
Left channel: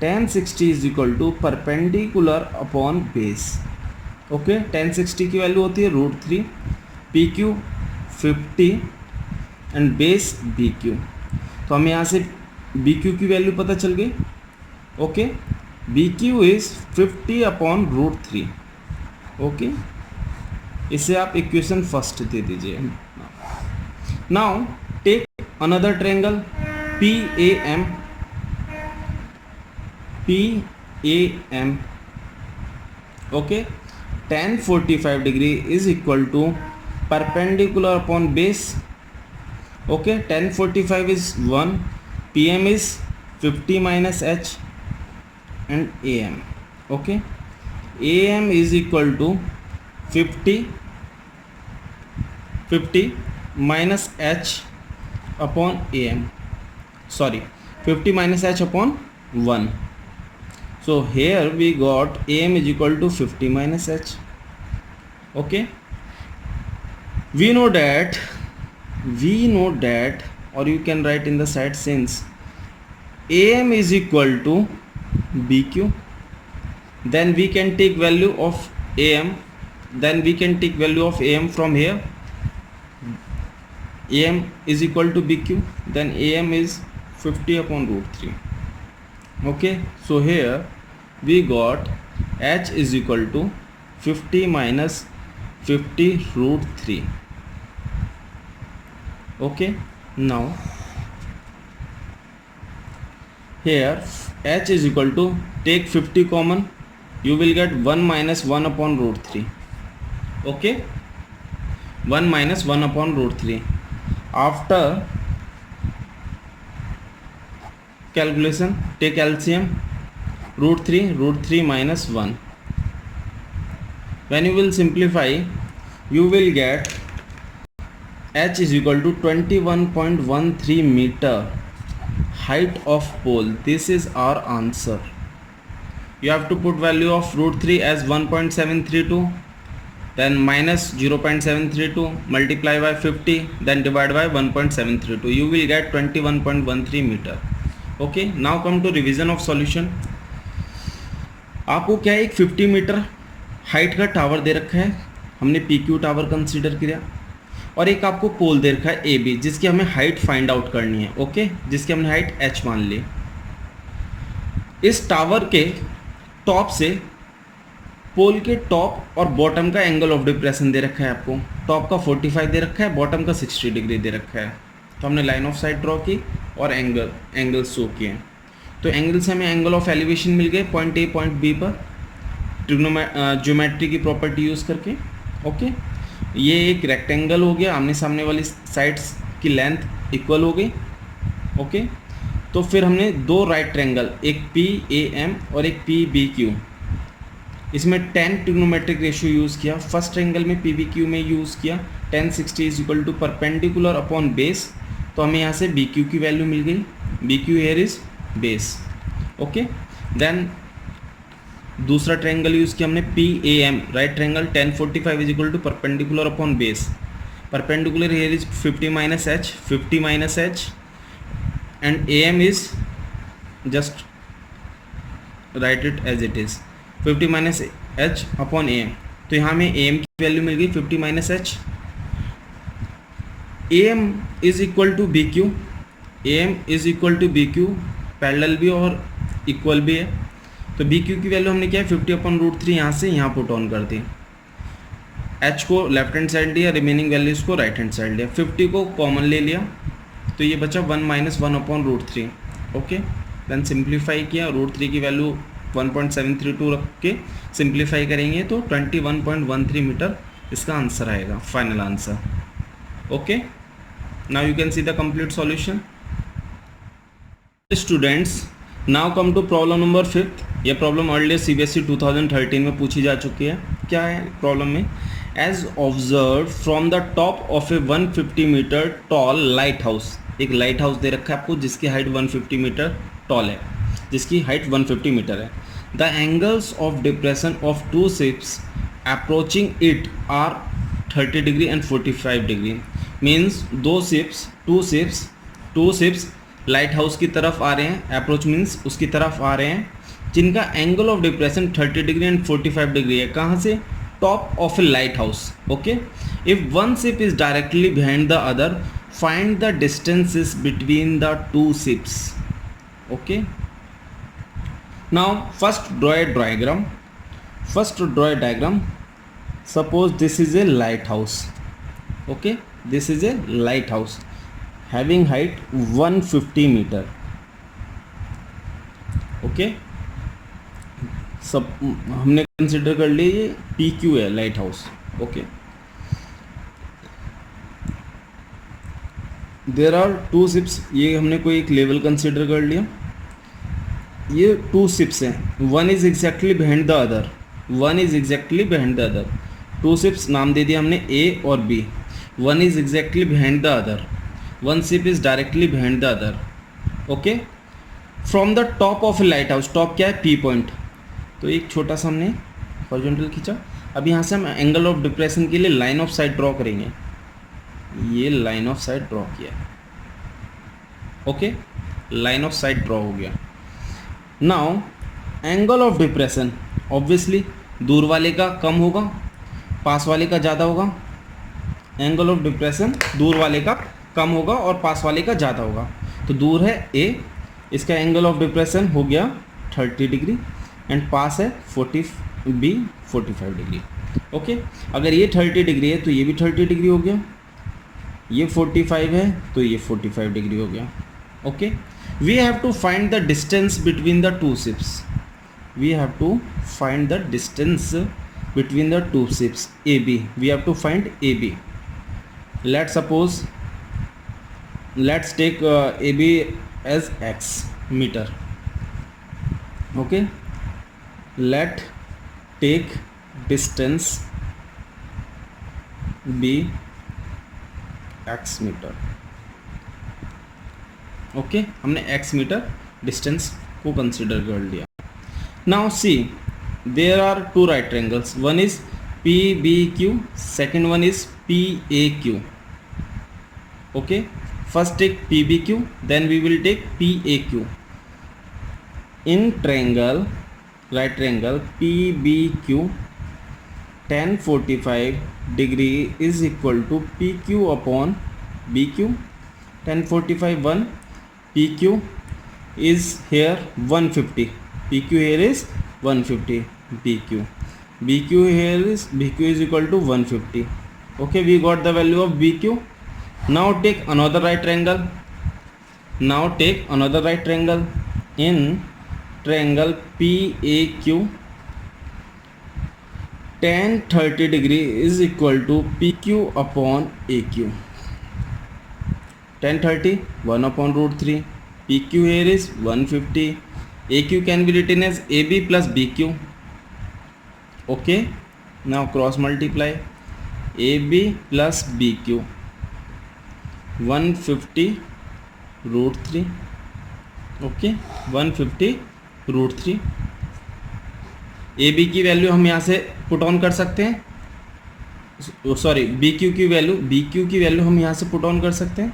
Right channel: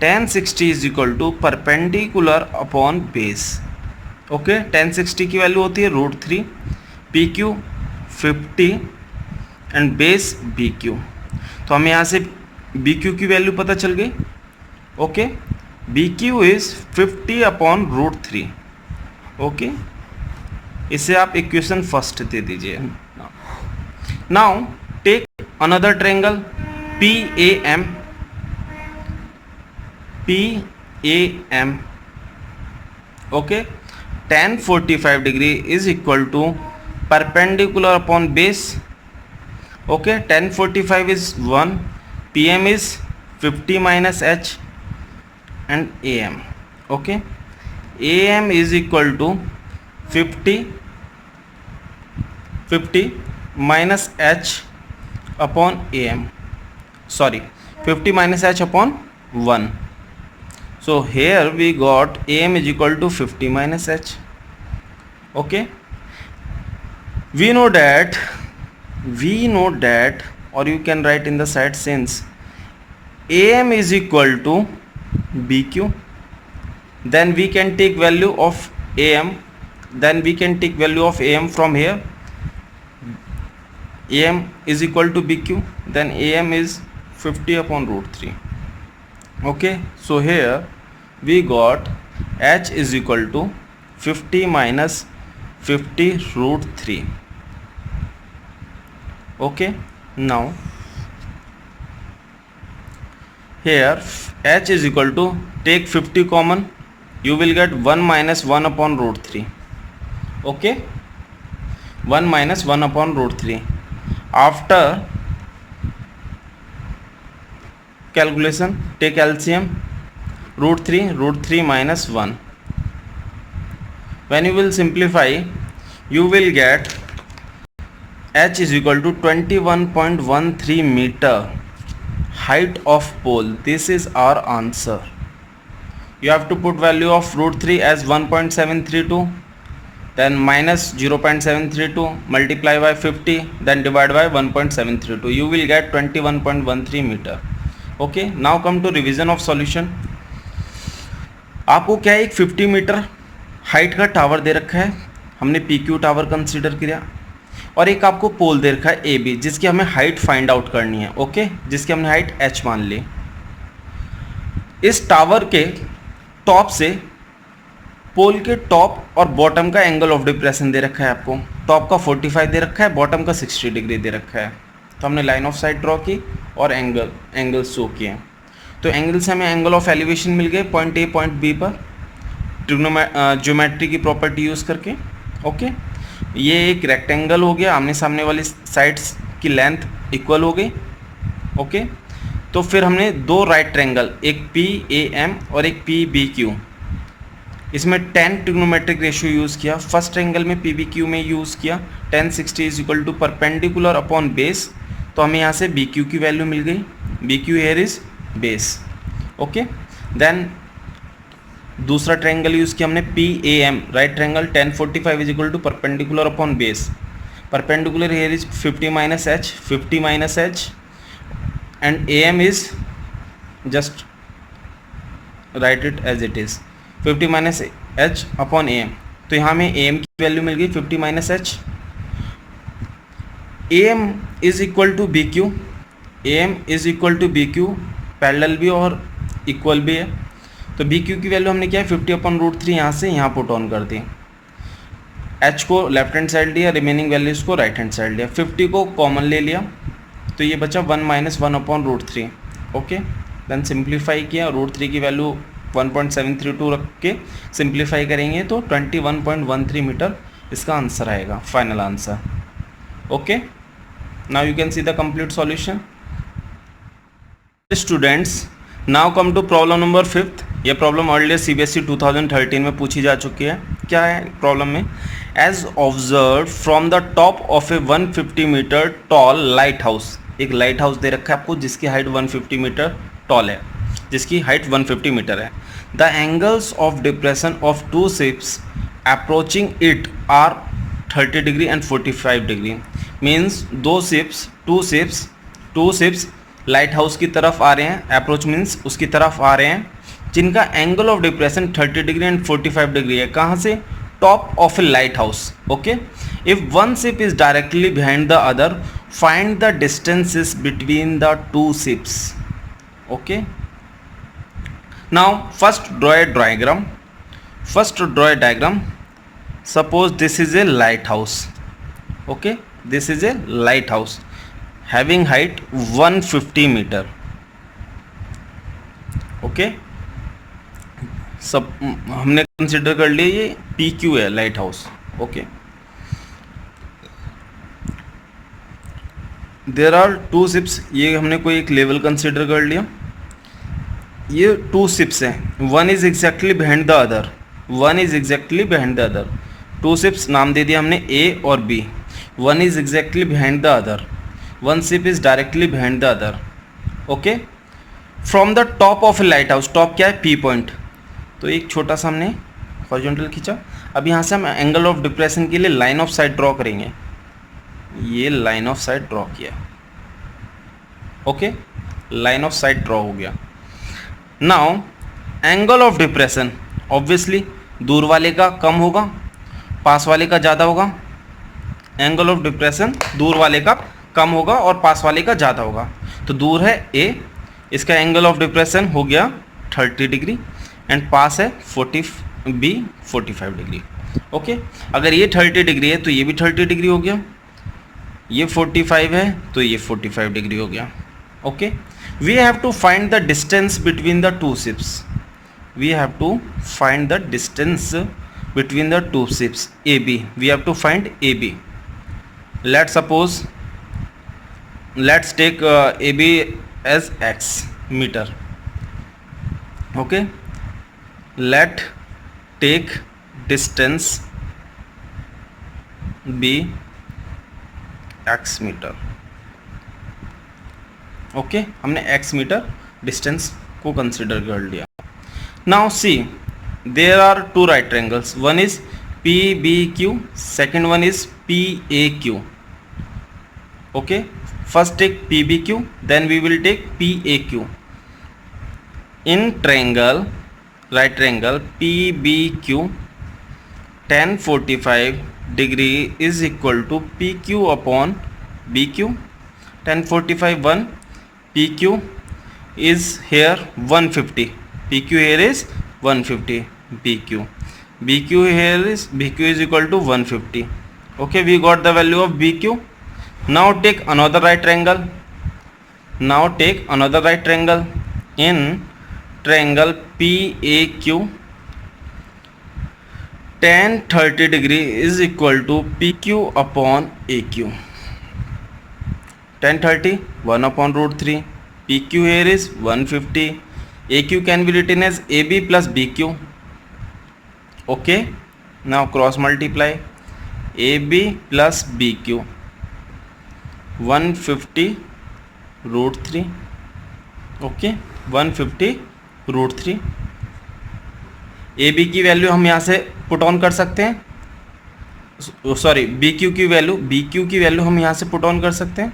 tan 60 is equal to perpendicular upon base, okay. tan 60 की वैल्यू होती है √3, PQ 50 एंड बेस BQ। तो हमें यहाँ से BQ की वैल्यू पता चल गई, okay. BQ is 50 upon √3, okay. इसे आप इक्वेशन फर्स्ट दे दीजिए। Now take another triangle PAM, okay. tan 45 degree is equal to perpendicular upon base, Okay, 10:45 is 1, PM is 50 minus H, and AM. Okay, AM is equal to 50 minus H upon AM. Sorry, 50 minus H upon 1. So here we got AM is equal to 50 minus H. Okay, we know that, or you can write in the side, since AM is equal to BQ, then we can take value of AM, from here. AM is equal to BQ, then AM is 50 upon root 3. Okay, so here we got H is equal to 50 minus 50 root 3. Okay, now here H is equal to, take 50 common, you will get 1 minus 1 upon root 3. Okay, 1 minus 1 upon root 3. After calculation, take LCM, root 3 minus 1. When you will simplify, you will get H is equal to 21.13 meter height of pole. This is our answer. You have to put value of root 3 as 1.732, then minus 0.732, multiply by 50, then divide by 1.732. You will get 21.13 meter. Okay, now come to revision of solution. आपको क्या है, एक 50 मीटर हाइट का टावर दे रखा है, हमने PQ टावर कंसीडर किया, और एक आपको पोल दे रखा है AB, जिसकी हमें हाइट फाइंड आउट करनी है. ओके, जिसकी हमने हाइट H मान ली. इस टावर के टॉप से पोल के टॉप और बॉटम का एंगल ऑफ डिप्रेशन दे रखा है आपको. टॉप का 45 दे रखा है, बॉटम का 60 डिग्री दे रखा है. तो हमने लाइन ऑफ साइट ड्रॉ की और एंगल शो किए. तो एंगल से हमें एंगल ऑफ एलिवेशन मिल गए पॉइंट A पॉइंट B पर, ज्योमेट्री की प्रॉपर्टी यूज़ करके. ओके, ये एक रेक्टेंगल हो गया, आमने सामने वाली साइड्स की लेंथ इक्वल हो गई. ओके, तो फिर हमने दो राइट ट्रायंगल, एक PAM और एक PBQ, इसमें tan ट्रिग्नोमेट्रिक रेशियो यूज़ किया. फर्स्ट ट्रायंगल में PBQ में यूज़ किया tan 60 is equal to perpendicular upon base. तो हमें यहाँ से BQ की वैल्यू मिल गई. BQ here is base. Okay, then दूसरा ट्रायंगल यूज़ किया हमने PAM, right triangle, tan 45 is equal to perpendicular upon base. Perpendicular here is 50 minus H, and AM is just write it as it is 50 minus H upon AM. तो यहाँ में AM की वैल्यू मिल गई 50 minus H. AM is equal to BQ, parallel भी और इक्वल भी है. तो BQ की वैल्यू हमने क्या है 50 अपॉन रूट 3 यहाँ से यहाँ पुट ऑन कर दी. H को लेफ्ट हैंड साइड लिया, रिमेनिंग वैल्यूज़ को राइट हैंड साइड लिया. 50 को कॉमन ले लिया, तो ये बचा 1 minus 1 upon root 3. Okay, then simplify किया, रूट 3 की वैल्यू 1.732 रख के सिंप्लीफाई करेंगे तो 21.13 मीटर इसका आंसर आएगा, final answer. Okay, now you can see the complete solution. Students, now come to problem number 5. ये प्रॉब्लम अर्लियर CBSE 2013 में पूछी जा चुकी है. क्या है प्रॉब्लम में, as observe from the top of a 150 metre tall lighthouse. एक लाइट हाउस दे रखा है आपको जिसकी हाइट 150 मीटर टॉल है, जिसकी हाइट 150 मीटर है. The angles of depression of two ships approaching it are 30 degree and 45 degree. Means two ships lighthouse की तरफ आ रहे हैं, अप्रोच मीन्स उसकी तरफ आ रहे हैं, जिनका angle of depression 30 degree and 45 degree है. कहाँ से, top of a lighthouse. Okay, if one ship is directly behind the other, find the distances between the two ships. Okay, now first draw a diagram. Suppose this is a lighthouse. Okay, this is a lighthouse having height 150 metre. Okay, सब हमने कंसिडर कर लिया ये PQ है lighthouse. Okay, there are two ships, ये हमने कोई एक लेवल कंसिडर कर लिया, ये टू शिप्स हैं, one is exactly behind the other, one is exactly behind the other, two ships नाम दे दिया हमने ए और B, one is exactly behind the other, one ship is directly behind the other. Okay, from the top of a lighthouse, top क्या है, पी पॉइंट, तो एक छोटा सा हमने हॉरिजॉन्टल खींचा। अब यहाँ से हम एंगल ऑफ डिप्रेशन के लिए लाइन ऑफ साइट ड्रॉ करेंगे, ये लाइन ऑफ साइट ड्रॉ किया। Okay, line of site draw हो गया। Now angle of depression, obviously दूर वाले का कम होगा, पास वाले का ज़्यादा होगा। एंगल ऑफ डिप्रेशन दूर वाले का कम होगा और पास वाले का ज़्यादा होगा। तो दूर है ए, इसका एंगल ऑफ डिप्रेशन हो गया 30 डिग्री एंड पास है 45 डिग्री। ओके, अगर ये 30 डिग्री है तो ये भी 30 डिग्री हो गया, ये 45 है तो ये 45 डिग्री हो गया। Okay, we have to find the distance between the two ships, we have to find the distance between the two ships AB, we have to find AB. Let's suppose, let's take AB as x meter. Okay, let take distance be x meter. Okay, हमने x मीटर डिस्टेंस को कंसिडर कर लिया। Now see, there are two right triangles, one is PBQ, second one is PAQ. Okay, first take PBQ, then we will take PAQ. In triangle, right triangle PBQ, tan 45 degree is equal to PQ upon BQ. Tan 45 1, PQ is here 150, PQ here is 150, BQ here is BQ is equal to 150. Okay, we got the value of BQ. Now take another right triangle. Now take another right triangle. In triangle PAQ, tan 30 degree is equal to PQ upon AQ. Tan 30 1 upon root 3. PQ here is 150. AQ can be written as AB plus BQ. Okay, now cross multiply AB plus BQ, 150 root 3. Okay, 150 root 3. AB की वैल्यू हम यहाँ से पुट ऑन कर सकते हैं, सॉरी BQ की वैल्यू हम यहाँ से पुट ऑन कर सकते हैं।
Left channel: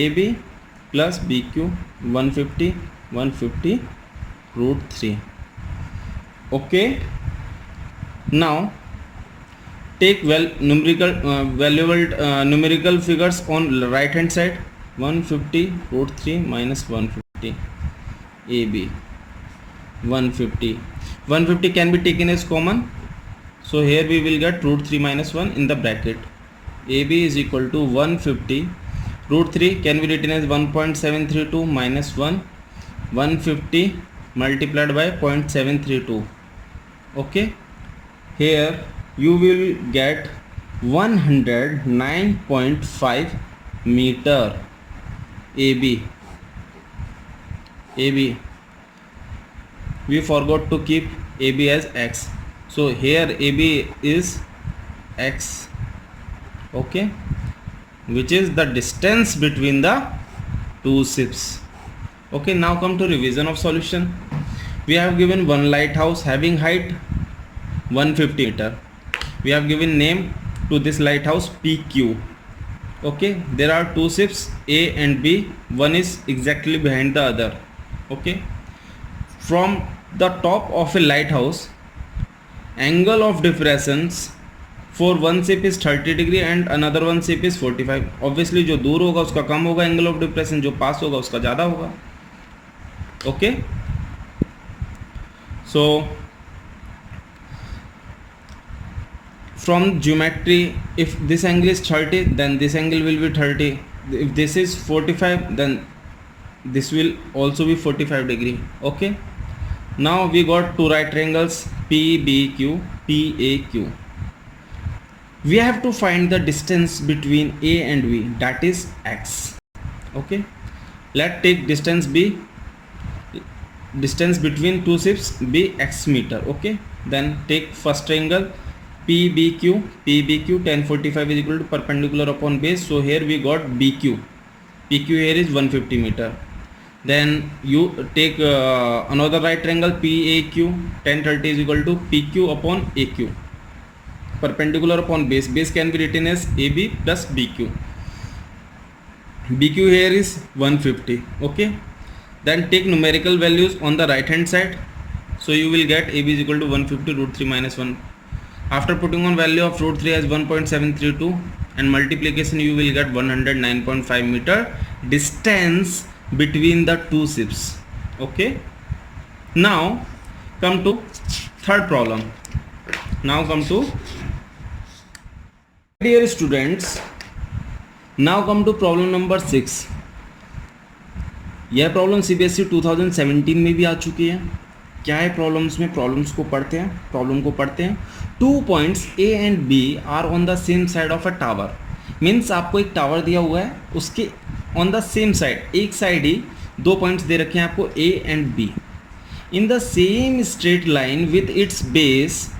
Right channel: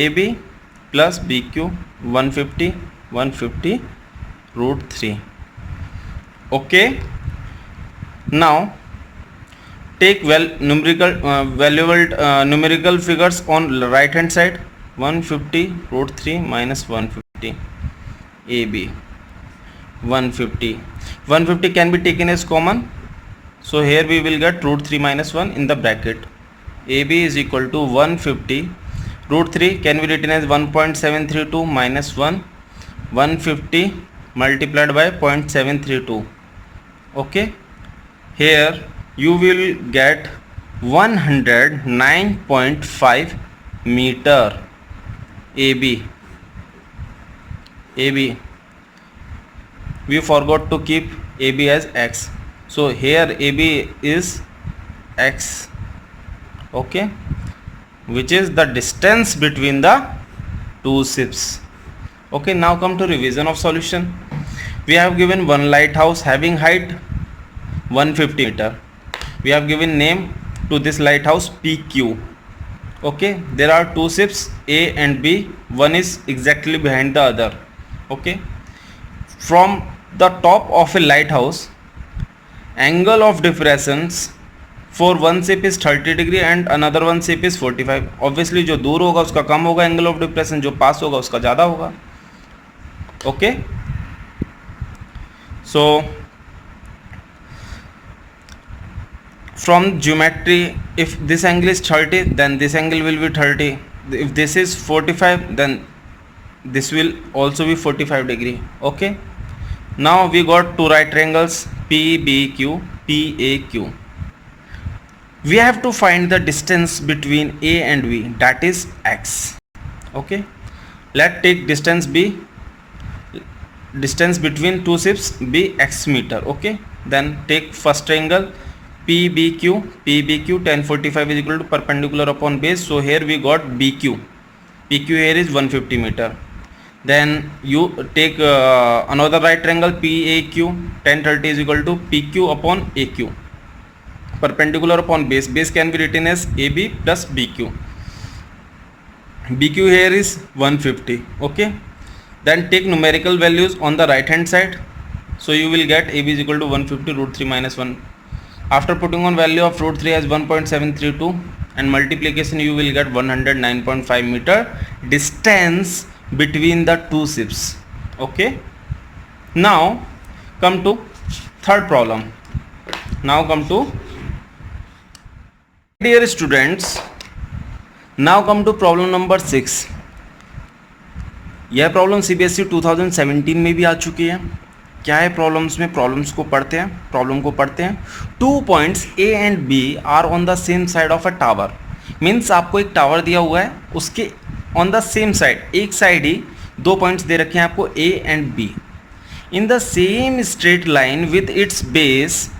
AB plus BQ 150 root 3. Okay, now take numerical figures on right hand side. 150 root 3 minus 150, AB 150 can be taken as common, so here we will get root 3 minus 1 in the bracket. AB is equal to 150 root 3 can be written as 1.732 minus 1, 150 multiplied by 0.732. Okay, here you will get 109.5 meter. AB, we forgot to keep AB as x, so here AB is x. Okay, which is the distance between the two ships. Okay, now come to revision of solution. We have given one lighthouse having height 150 meter. We have given name to this lighthouse PQ. Okay, there are two ships A and B, one is exactly behind the other. Okay, from the top of a lighthouse, angle of diffraction for one ship is 30 degree and another one ship is 45. Obviously जो दूर होगा उसका कम होगा एंगल ऑफ डिप्रेशन, जो पास होगा उसका ज़्यादा होगा. Okay, so from geometry, if this angle is 30, then this angle will be 30. If this is 45, then this will also be 45 degree. Okay, now we got two right triangles PBQ, PAQ. We have to find the distance between A and B, that is x. Okay, let take distance b, distance between two ships be x meter. Okay, then take first triangle PBQ. PBQ tan 45 is equal to perpendicular upon base. So here we got BQ. PQ here is 150 meter. Then you take another right triangle PAQ. Tan 30 is equal to PQ upon AQ. Perpendicular upon base. Base can be written as AB plus BQ. BQ here is 150. Okay. Then take numerical values on the right hand side. So you will get AB is equal to 150 root 3 minus 1. After putting on value of root 3 as 1.732 and multiplication, you will get 109.5 meter distance between the two ships. Okay. Now come to third problem. Dear students, now come to problem number 6. यह प्रॉब्लम CBSE 2017 में भी आ चुकी है. क्या है प्रॉब्लम्स में? प्रॉब्लम को पढ़ते हैं. 2 points A and B are on the same side of a tower. Means आपको एक टावर दिया हुआ है, उसके ऑन द सेम साइड, एक साइड ही 2 पॉइंट्स दे रखे हैं आपको A and B in the same straight line with its base.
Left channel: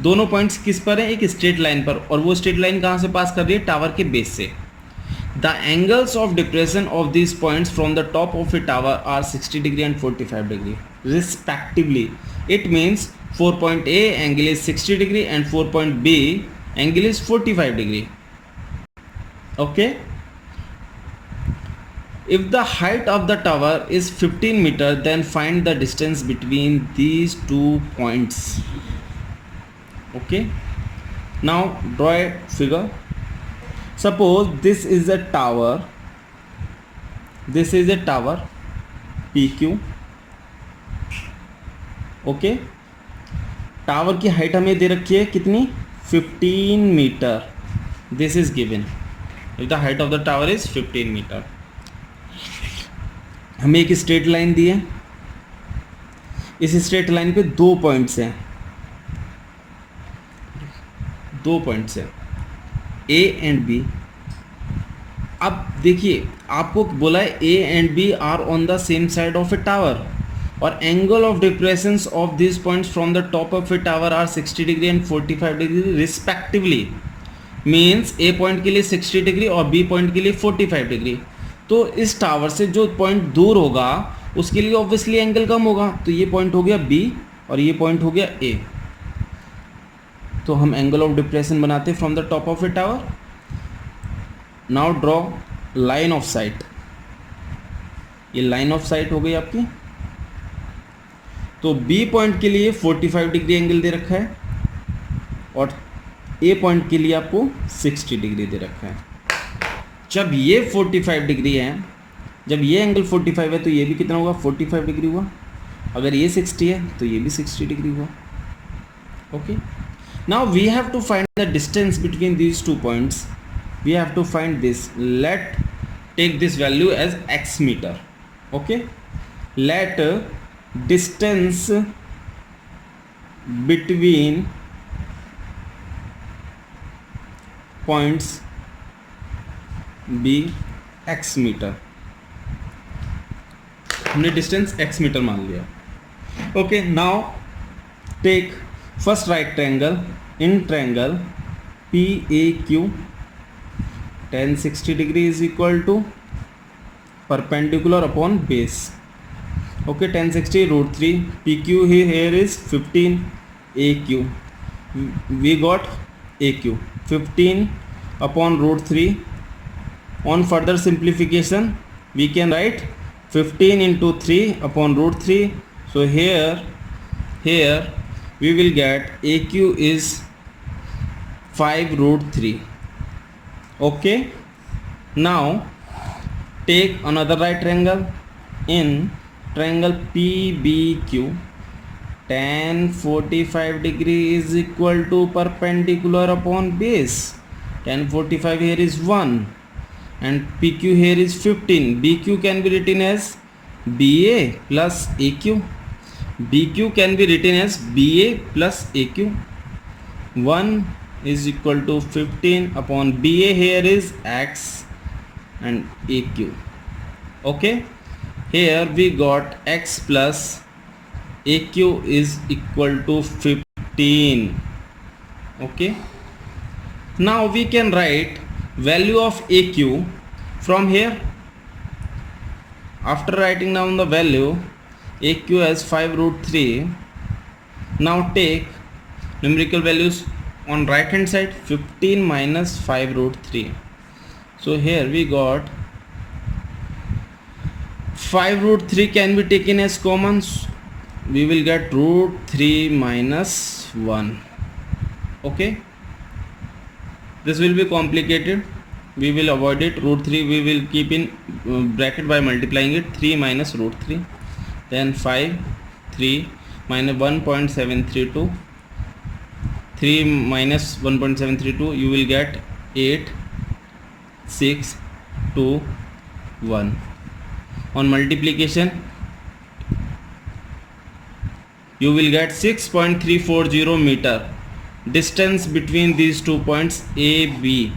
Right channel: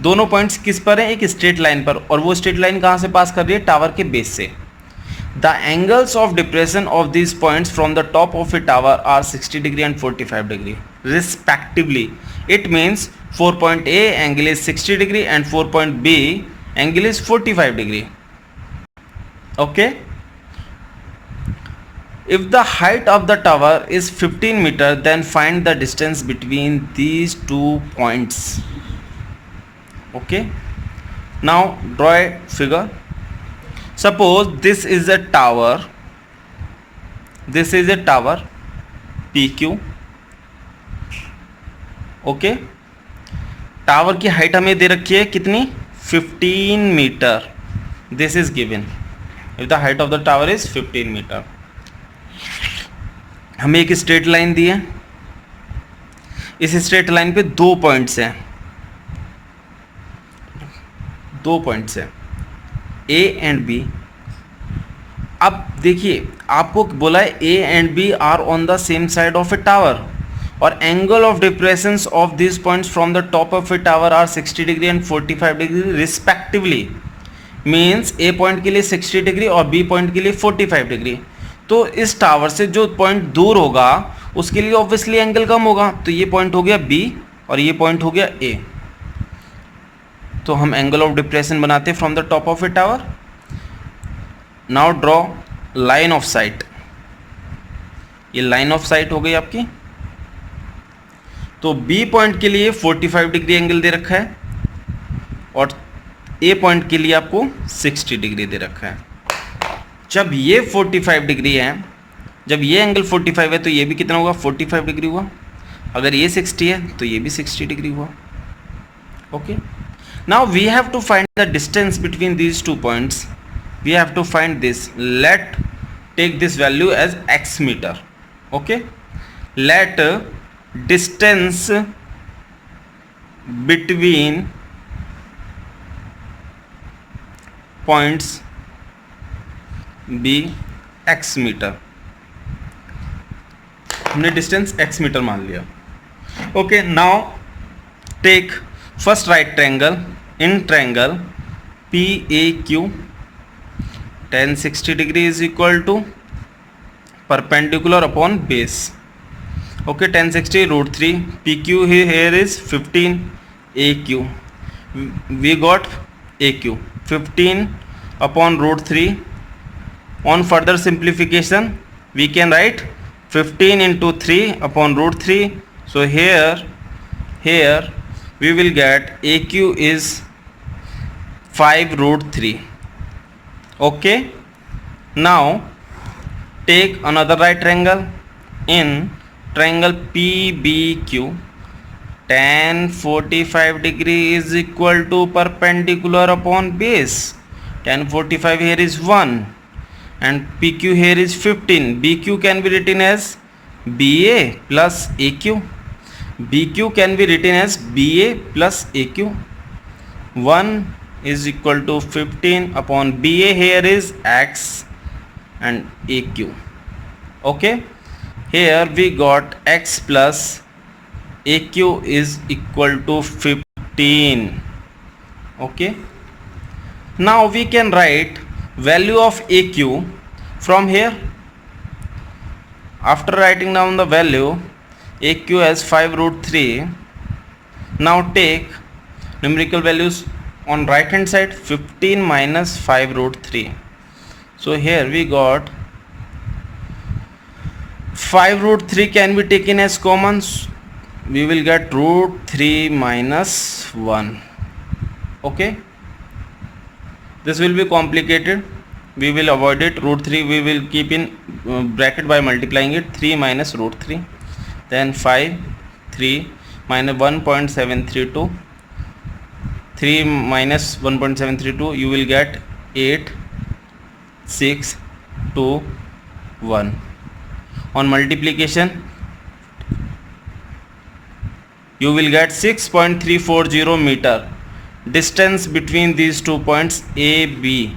दोनों पॉइंट्स किस पर है? एक स्ट्रेट लाइन पर. और वो स्ट्रेट लाइन कहाँ से पास कर रही है? टावर के बेस से. The angles of depression of these points from the top of a tower are 60 degree and 45 degree respectively. It means 4 point A angle is 60 degree and 4 point B angle is 45 degree. Okay. If the height of the tower is 15 meter, then find the distance between these 2 points. Okay. Now draw a figure. Suppose this is a tower PQ. Okay, tower की हाइट हमें दे रखी है कितनी? 15 metre. This is given. If the height of the tower is 15 metre. हमें एक स्ट्रेट लाइन दी है. इस स्ट्रेट लाइन पे 2 पॉइंट्स हैं. A and B. अब देखिए, आपको बोला है A and B are on the same side of a tower और angle of depressions of this points from the top of a tower are 60 degree and 45 degree respectively. Means A point के लिए 60 डिग्री और B पॉइंट के लिए 45 डिग्री. तो इस टावर से जो पॉइंट दूर होगा उसके लिए ऑब्वियसली एंगल कम होगा. तो ये पॉइंट हो गया B और ये पॉइंट हो गया A. तो हम एंगल ऑफ डिप्रेशन बनाते हैं from the top of a tower. Now draw line of site. ये लाइन ऑफ साइट हो गई आपकी. तो B पॉइंट के लिए 45 डिग्री एंगल दे रखा है और A पॉइंट के लिए आपको 60 डिग्री दे रखा है. जब ये 45 डिग्री है, जब ये एंगल 45 है तो ये भी कितना होगा? 45 डिग्री हुआ. अगर ये 60 है तो ये भी 60 डिग्री हुआ. Okay. Now we have to find the distance between these 2 points. We have to find this. Let take this value as x meter. Okay. Let distance between points be x meter. हमने distance x meter मान लिया. Okay. Now take first right triangle. In triangle PAQ, tan 60 degree is equal to perpendicular upon base. Okay, tan 60 root 3. PQ here is 15 AQ. We got AQ 15 upon root 3. On further simplification, we can write 15 into 3 upon root 3. So here we will get AQ is 5 root 3. Okay. Now take another right triangle. In triangle PBQ, tan 45 degree is equal to perpendicular upon base. Tan 45 here is 1 and PQ here is 15. BQ can be written as BA plus AQ. BQ can be written as BA plus AQ. 1 is equal to 15 upon BA here is X and AQ. Okay, here we got x plus AQ is equal to 15. Okay, now we can write value of AQ from here. After writing down the value, AQ as 5 root 3. Now take numerical values on right hand side, 15 minus 5 root 3. So here we got 5 root 3 can be taken as commons. We will get root 3 minus 1. Okay, this will be complicated, we will avoid it. Root 3 we will keep in bracket by multiplying it. 3 minus root 3, then 5, 3 minus 1.732, 3 minus 1.732, you will get 8, 6, 2, 1. On multiplication you will get 6.340 metre distance between these 2 points A B.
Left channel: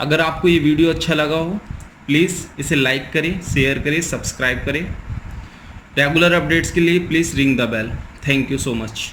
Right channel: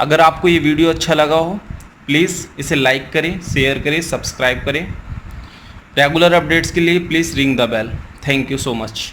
अगर आपको ये वीडियो अच्छा लगा हो प्लीज़ इसे लाइक करें, शेयर करें, सब्सक्राइब करें. रेगुलर अपडेट्स के लिए please ring the bell. Thank you so much.